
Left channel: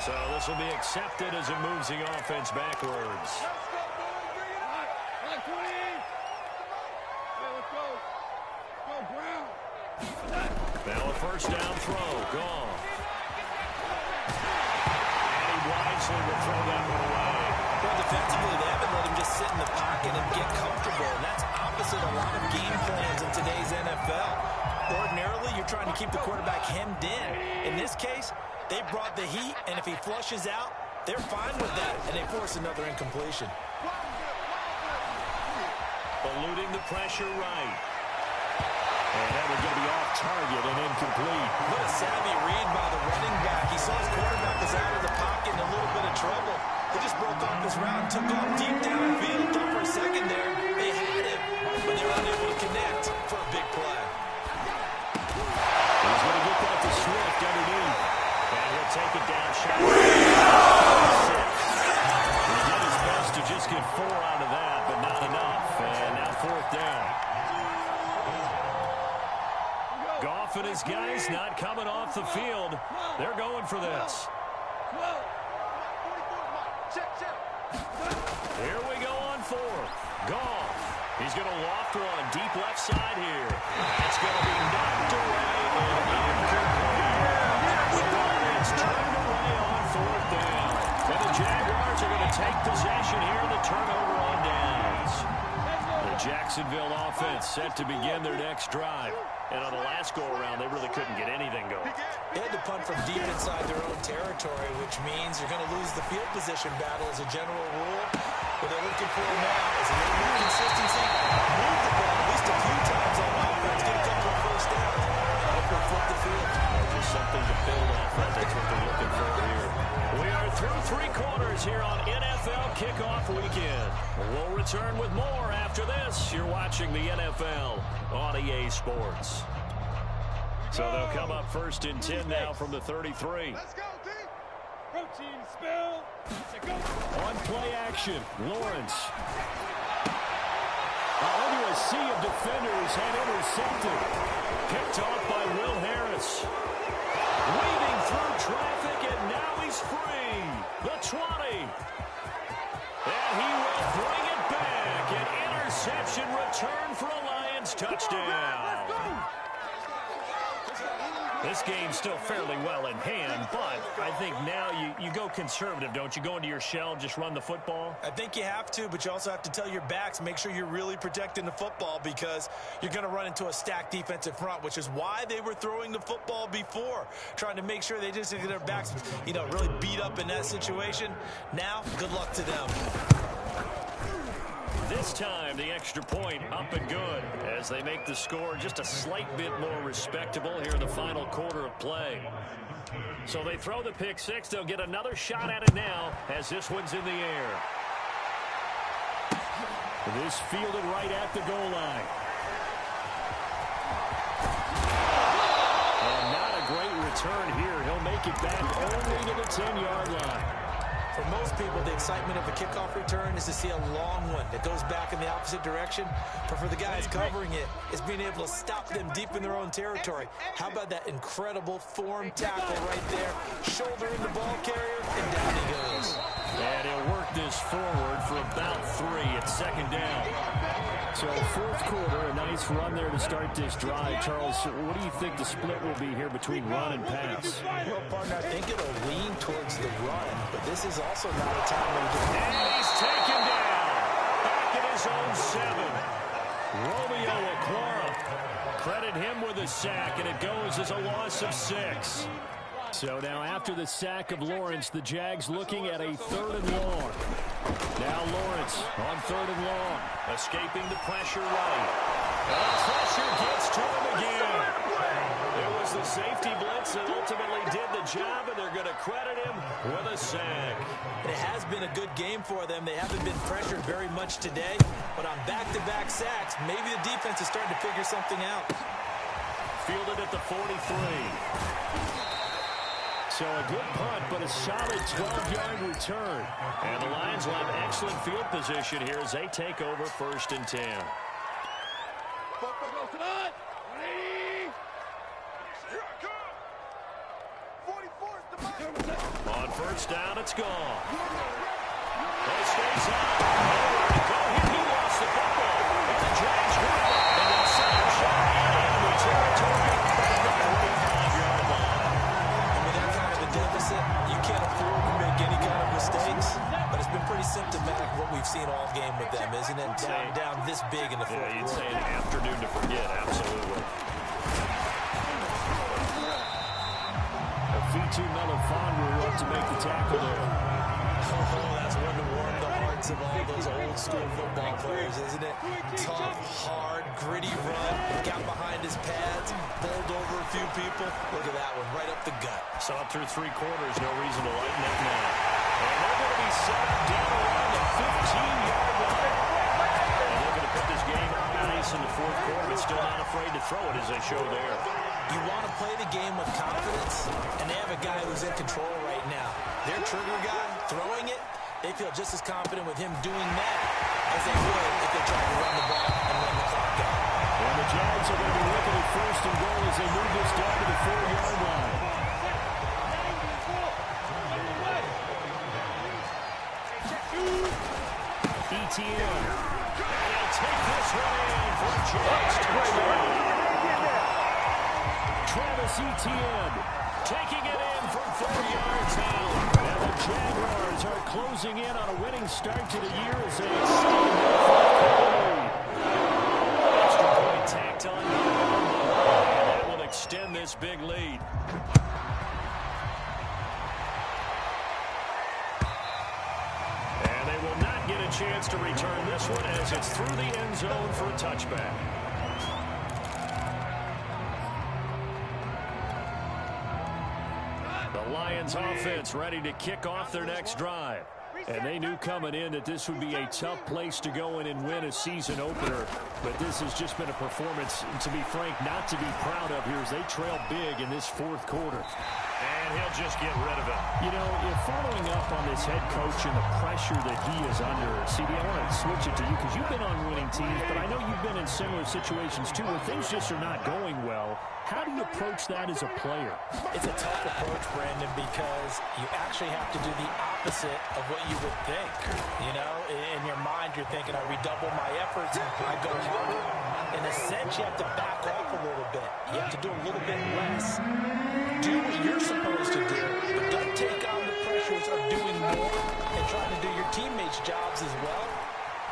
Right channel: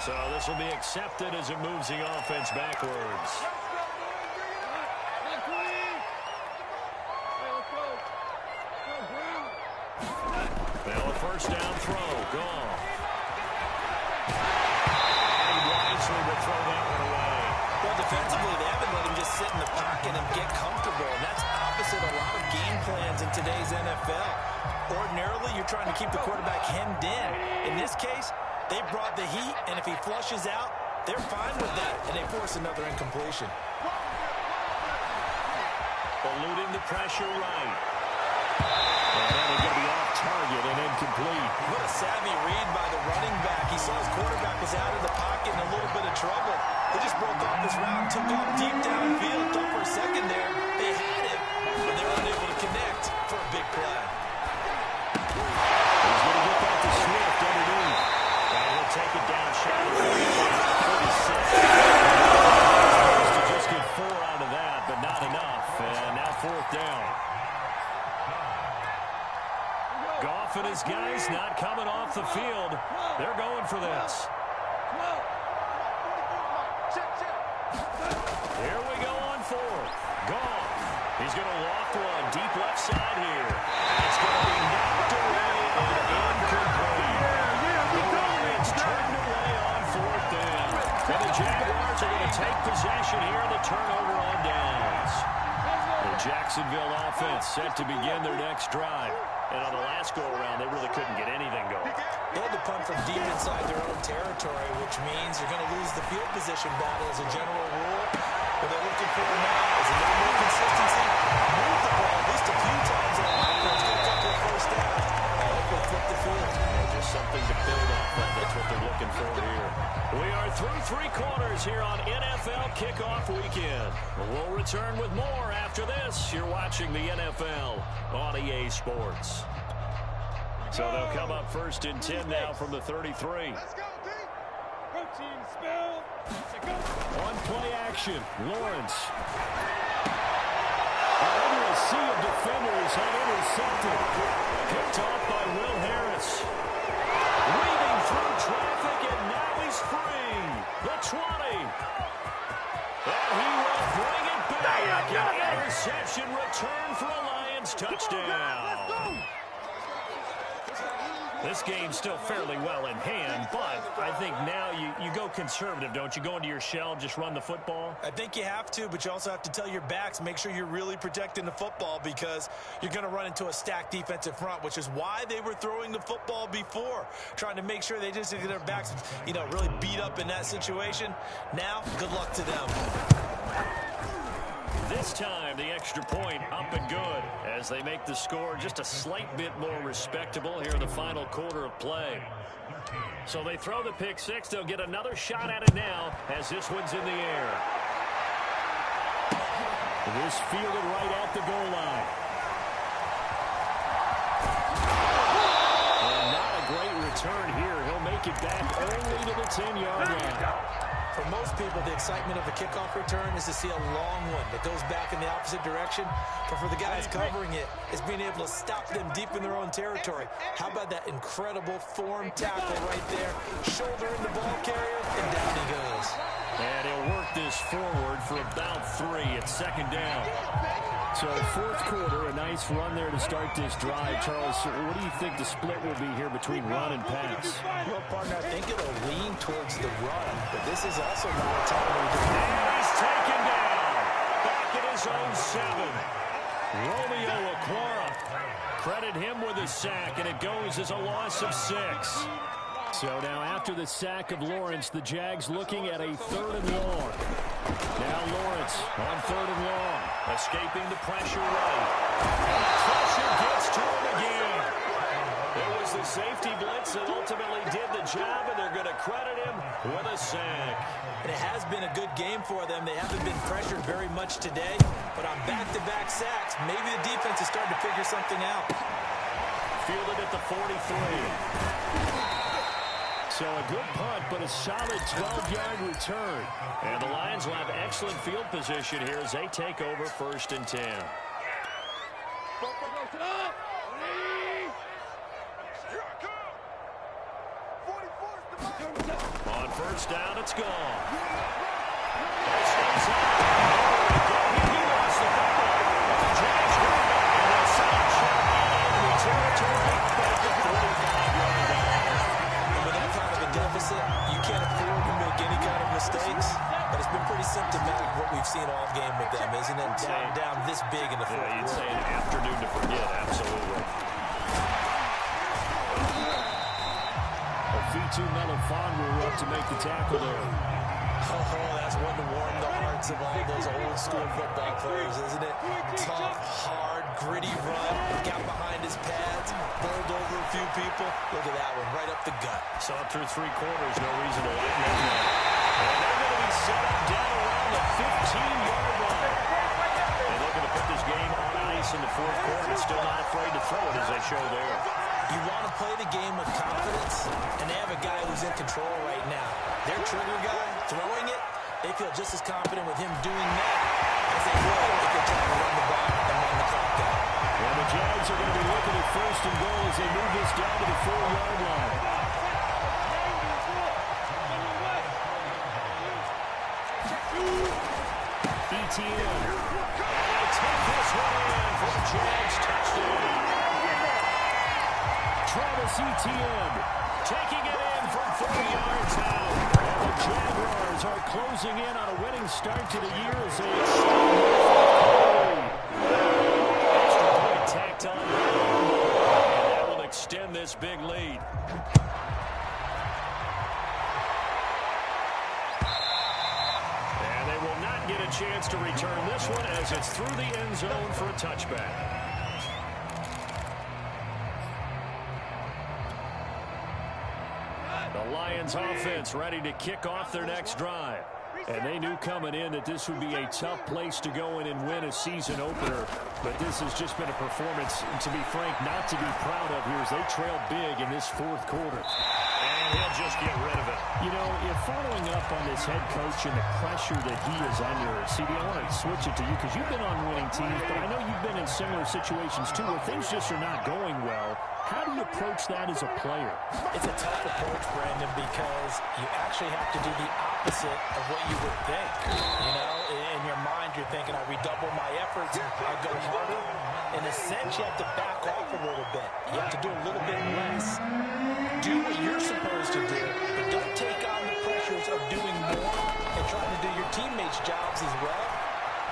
So this will be accepted as it moves the offense backwards. Now a 1st down throw, gone. And he wisely will throw that one away. Well, defensively, they haven't let him just sit in the pocket and get comfortable, and that's opposite a lot of game plans in today's NFL. Ordinarily, you're trying to keep the quarterback hemmed in. In this case, they brought the heat, and if he flushes out, they're fine with that, and they force another incompletion. Eluding the pressure right. And that one's going to be off target and incomplete. What a savvy read by the running back. He saw his quarterback was out of the pocket in a little bit of trouble. He just broke off his route and took off deep downfield. Thought for a second there they had him, but they were unable to connect for a big play. He's going to get that to Swift underneath. And he'll take it down shy. He's supposed to just get 4 out of that, but not enough. And now 4th down. Goff and his guys not coming off the field. They're going for this. Here we go on 4th. Goff. He's going to loft one deep left side here. It's going to be knocked away and incomplete. The Lions turned away on 4th down. And the Jaguars are going to take possession here in the turnover on downs. The Jacksonville offense set to begin their next drive. And on the last go-around, they really couldn't get anything going. They had to punt from deep inside their own territory, which means you're going to lose the field position battle as a general rule. What they're looking for now is a little more consistency, move the ball at least a few times on offense, get a couple of first downs, and hopefully flip the field. Yeah, just something to build off of. That's what they're looking for here. We are through 3 quarters here on NFL Kickoff Weekend. We'll return with more after this. You're watching the NFL on EA Sports. So they'll come up 1st and 10 now from the 33. Let's go, D. On play action, Lawrence. Under a sea of defenders and intercepted. Picked off by Will Harris. Weaving through traffic, and now he's free. The 20. And he will bring it back. An interception return for a Lions touchdown. This game's still fairly well in hand, but I think now you go conservative, don't you? Go into your shell, just run the football? I think you have to, but you also have to tell your backs, make sure you're really protecting the football because you're going to run into a stacked defensive front, which is why they were throwing the football before, trying to make sure they just get their backs, really beat up in that situation. Now, good luck to them. This time, the extra point up and good as they make the score just a slight bit more respectable here in the final quarter of play. So they throw the pick six. They'll get another shot at it now as this one's in the air. This fielded right at the goal line. And not a great return here. He'll make it back only to the 10-yard line. For most people, the excitement of a kickoff return is to see a long one that goes back in the opposite direction. But for the guys covering it, it's being able to stop them deep in their own territory. How about that incredible form tackle right there? Shoulder in the ball carrier, and down he goes. And he'll work this forward for about 3 at second down. So fourth quarter, a nice run there to start this drive. Charles, what do you think the split will be here between run and pass? Well, partner, I think it'll lean towards the run, but this is also not a time where you just... And he's taken down. Back at his own 7. Romeo Okwara. Credit him with a sack, and it goes as a loss of 6. So now after the sack of Lawrence, the Jags looking at a 3rd and long. Now Lawrence on 3rd and long. Escaping the pressure right. And the pressure gets to him again. It was the safety blitz that ultimately did the job, and they're going to credit him with a sack. And it has been a good game for them. They haven't been pressured very much today, but on back-to-back sacks, maybe the defense is starting to figure something out. Fielded at the 43. So a good punt, but a solid 12-yard return. And the Lions will have excellent field position here as they take over 1st and 10. On 1st down, it's gone. It stays out. Nowhere to go here. He lost the football. And the Jags win it. And they'll set up shot in enemy territory at the 45-yard line. With that kind of a deficit, you can't afford to make any kind of mistakes. But it's been pretty symptomatic of what we've seen all game with them, isn't it? Down this big in the fourth quarter. You'd say an afternoon to forget, absolutely. Fitu Melifonwu up to make the tackle there. Oh, that's one to warm the hearts of all those old school football players, isn't it? Tough, hard, gritty run, got behind his pads, bowled over a few people. Look at that one, right up the gut. So up through 3 quarters, no reason to lighten up now. And they're going to be set up down around the 15-yard line. And they're going to put this game on ice in the 4th quarter, but still not afraid to throw it as they show there. You want to play the game with confidence, and they have a guy who's in control right now. Their trigger guy, throwing it, they feel just as confident with him doing that as they would if they tried to run the ball and run the clock out. And the Jags are going to be looking at 1st and goal as they move this down to the 4-yard line. Etienne. And he'll take this one in for a Jags touchdown. Travis Etienne taking it in from 40 yards out. And the Jaguars are closing in on a winning start to the year as they extend their 4th quarter lead. Extra point tacked on by Romo, and that will extend this big lead. And they will not get a chance to return this one as it's through the end zone for a touchback. The Lions offense ready to kick off their next drive. And they knew coming in that this would be a tough place to go in and win a season opener. But this has just been a performance, to be frank, not to be proud of here as they trail big in this 4th quarter. And he'll just get rid of it. You know, if following up on this head coach and the pressure that he is under, CD, I want to switch it to you because you've been on winning teams, but I know you've been in similar situations too where things just are not going well. How do you approach that as a player? It's a tough approach, Brandon, because you actually have to do the opposite of what you would think. You know, in your mind, you're thinking, I redouble my efforts, I go harder. In a sense, you have to back off a little bit. You have to do a little bit less. Do what you're supposed to do, but don't take on the pressures of doing more and trying to do your teammates' jobs as well.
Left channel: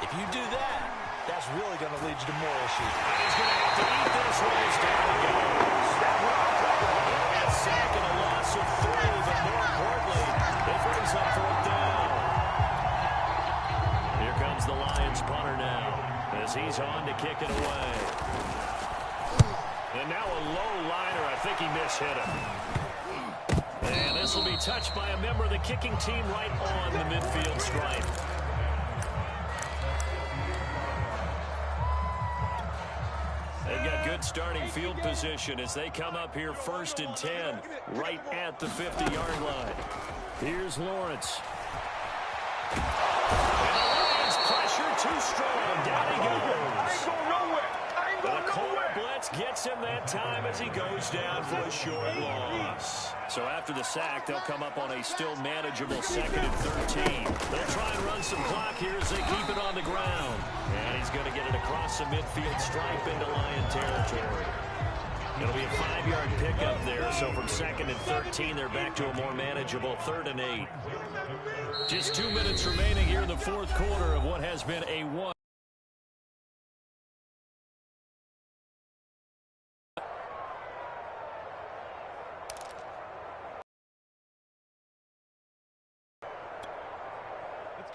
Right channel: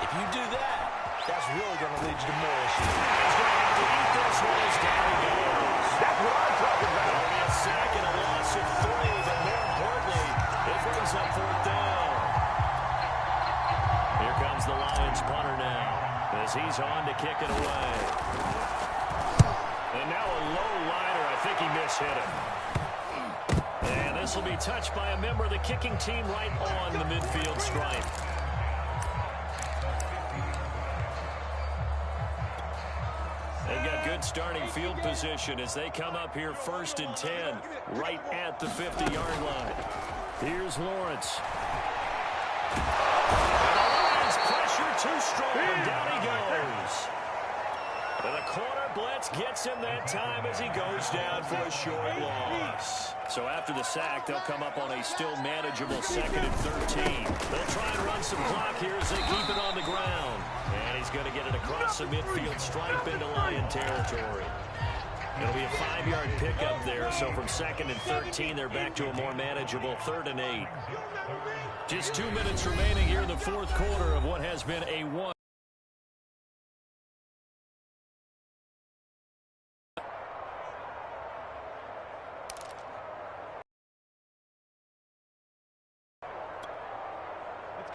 If you do that, that's really going to lead you to more issues. He's going to have to eat this one as down he goes. That's what I'm talking about. It'll be a sack and a loss of 3, but more importantly, it brings up 4th down. Here comes the Lions punter now as he's on to kick it away. And now a low liner. I think he mishit it. And this will be touched by a member of the kicking team right on the midfield stripe. They've got good starting field position as they come up here 1st and 10, right at the 50-yard line. Here's Lawrence. And the Lions pressure too strong. Down he goes. And a corner blitz gets him that time as he goes down for a short loss. So after the sack, they'll come up on a still manageable 2nd and 13. They'll try and run some clock here as they keep it on the ground. And he's going to get it across the midfield stripe into Lion territory. It'll be a 5-yard pickup there, so from 2nd and 13, they're back to a more manageable 3rd and 8. Just 2 minutes remaining here in the 4th quarter of what has been a 1.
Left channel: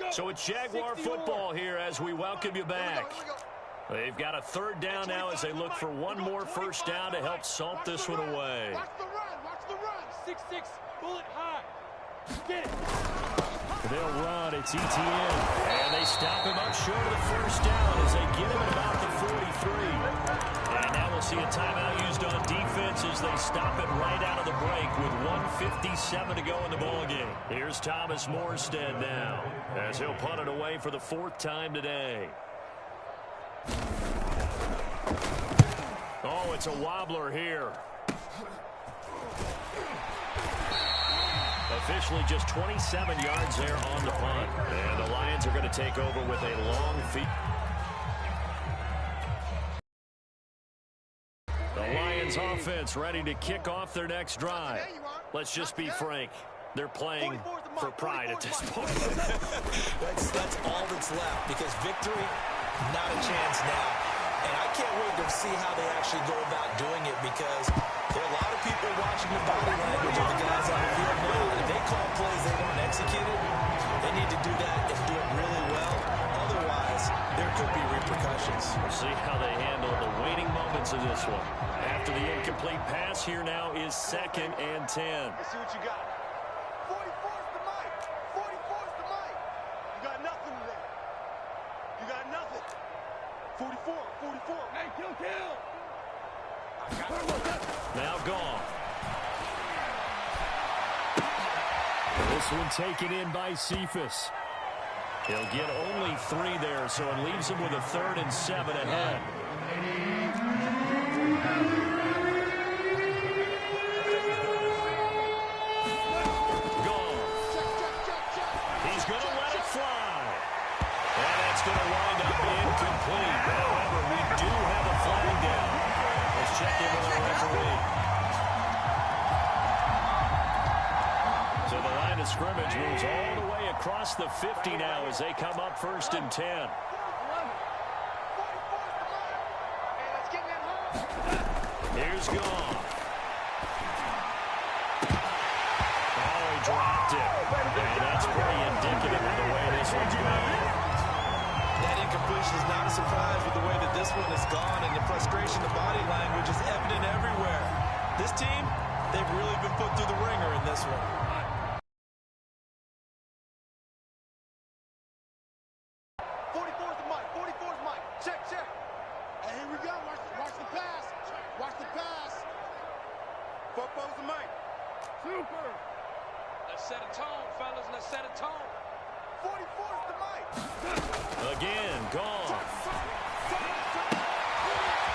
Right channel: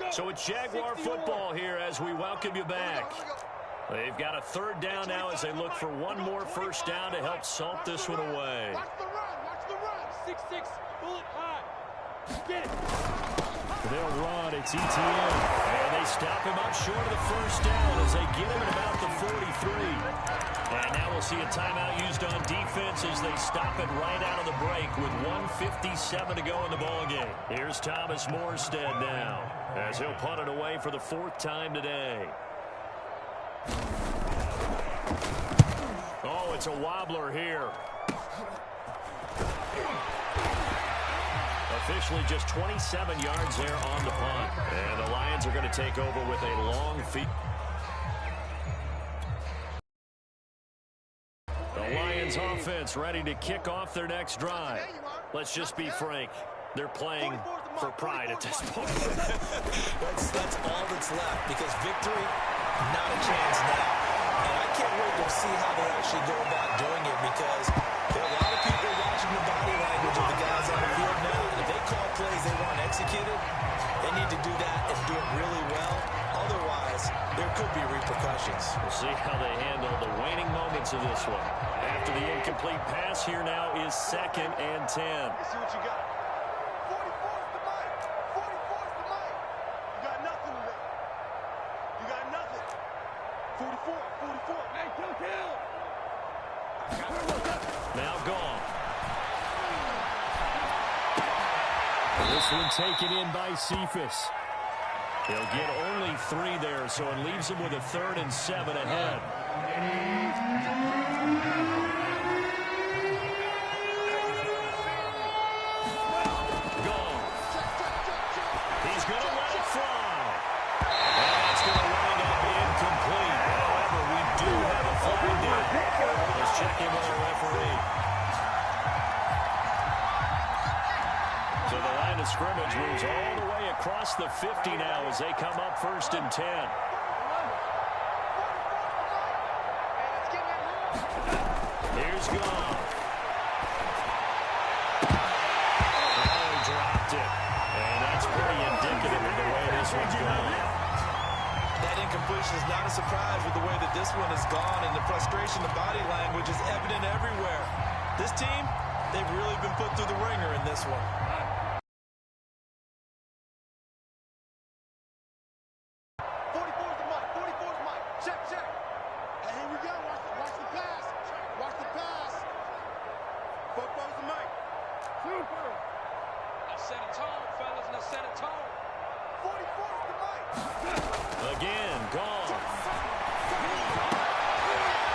So it's Jaguar football here as we welcome you back. They've got a 3rd down now as they look for one more 1st down to help salt this one away. Watch the run. Watch the run. 6-6. Bullet high. Get it. They'll run. It's ETN. And they stop him up short of the 1st down as they get him at about the 43. And now we'll see a timeout used on defense as they stop it right out of the break with 1:57 to go in the ballgame. Here's Thomas Morstead now as he'll punt it away for the 4th time today. Oh, it's a wobbler here. Officially just 27 yards there on the punt. And the Lions are going to take over with a long feed. The Lions offense ready to kick off their next drive. Let's just be frank. They're playing for pride at this point. That's all that's left because victory, not a chance now. And I can't wait to see how they actually go about doing it because there are a lot of people watching the body language of the guys on the field now. And if they call plays they want executed, they need to do that and do it really well. Otherwise, there could be repercussions. We'll see how they handle the waning moments of this one. After the incomplete pass, here now is 2nd and 10. Let's see what you got. 44's the mic. 44's the mic. You got nothing today. You got nothing. 44. Hey, kill. Now gone. This one taken in by Cephas. He'll get only 3 there, so it leaves him with a 3rd and 7 ahead. Gone. He's going to let it fly. And that's going to wind up incomplete. However, we do have a flag down. Let's check in with our referee. So the line of scrimmage moves all the way across the 50 now as they come up 1st and 10. Here's Goff. Oh, he dropped it. And that's pretty indicative of the way this one's going. That incompletion is not a surprise with the way that this one has gone, and the frustration, the body language is evident everywhere. This team, they've really been put through the ringer in this one. 44's the mic. 44's mic. Check. Hey, here we go. Watch the pass. Watch the pass. 44's the mic. Super. Let's set a tone, fellas. Let's set a tone. 44 is the mic. Again, gone.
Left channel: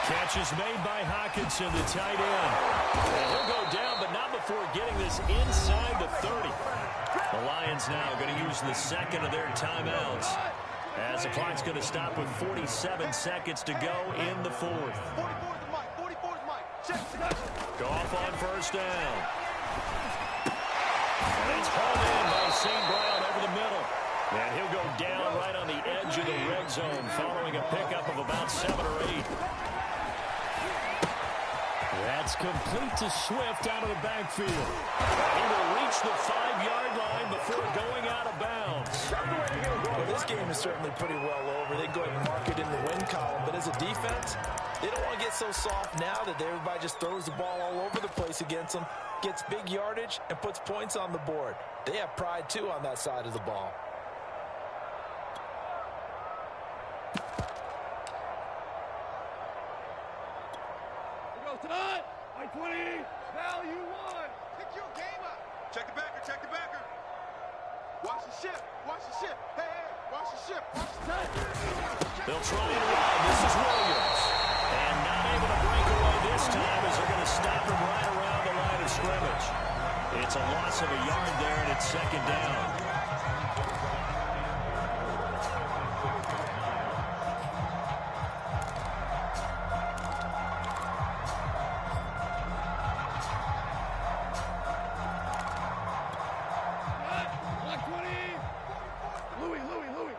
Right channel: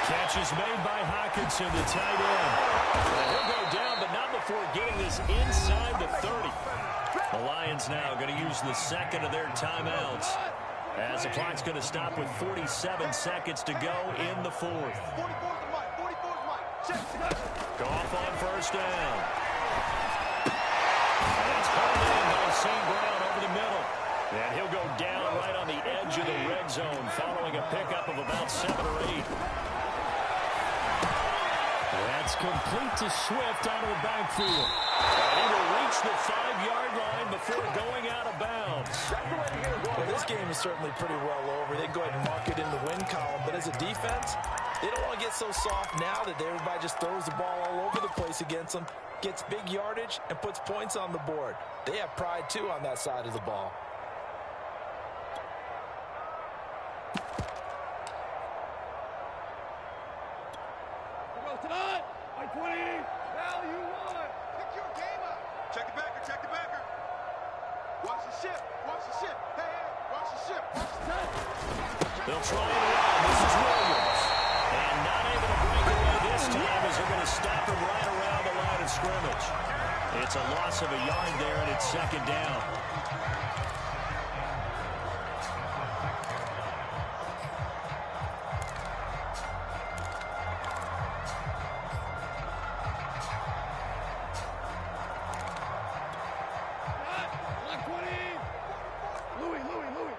Catch is made by Hawkinson, the tight end. And he'll go down, but not before getting this inside the 30. The Lions now going to use the second of their timeouts, as the clock's going to stop with 47 seconds to go in the fourth. 44 is the mic. 44 is the mic. Check. Goff on first down. And it's hauled in by St. Brown over the middle. And he'll go down right on the edge of the red zone following a pickup of about 7 or 8. That's complete to Swift out of the backfield. And he will reach the 5-yard line before going out of bounds. Well, this game is certainly pretty well over. They go ahead and mark it in the win column. But as a defense, they don't want to get so soft now that everybody just throws the ball all over the place against them, gets big yardage, and puts points on the board. They have pride, too, on that side of the ball. Tonight, by 20, value 1. Pick your game up. Check the backer, check the backer. Watch the ship, watch the ship. Hey, hey, watch the ship, watch the ship. They'll try and run. This is Williams. And not able to break away this time as they're going to stop him right around the line of scrimmage. It's a loss of a yard there, and it's second down. Louis.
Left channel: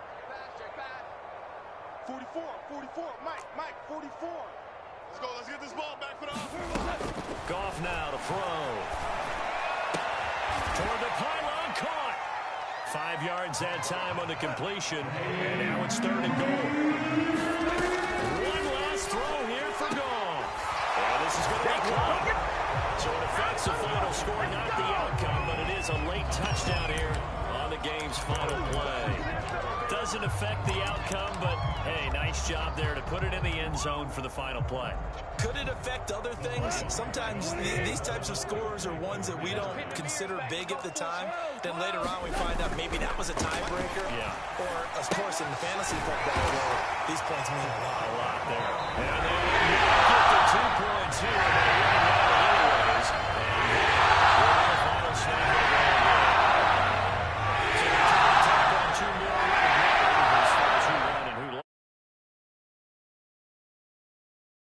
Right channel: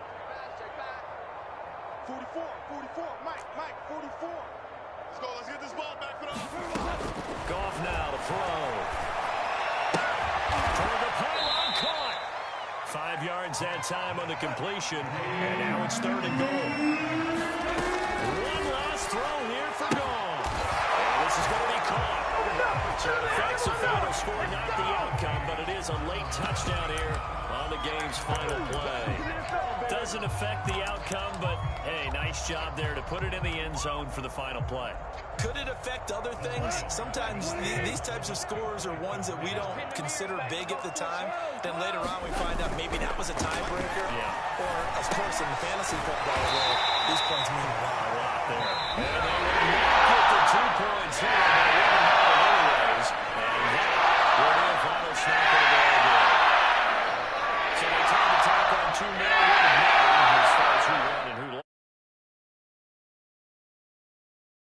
44, Mike, 44. Let's go, let's get this ball back for the offense. Goff now to throw. Toward the pylon, caught. 5 yards that time on the completion, and now it's 3rd and goal. One last throw here for Goff. And this is going to be caught. So it affects the final score, not the outcome, but it is a late touchdown here on the game's final play. Doesn't affect the outcome, but hey, nice job there to put it in the end zone for the final play. Could it affect other things? Sometimes these types of scores are ones that we don't consider big at the time. Then later on we find out maybe that was a tiebreaker. Yeah. Or, of course, in the fantasy football world, these points mean a lot. A lot there. And they would not get the 2 points here, but it wouldn't matter anyways. And that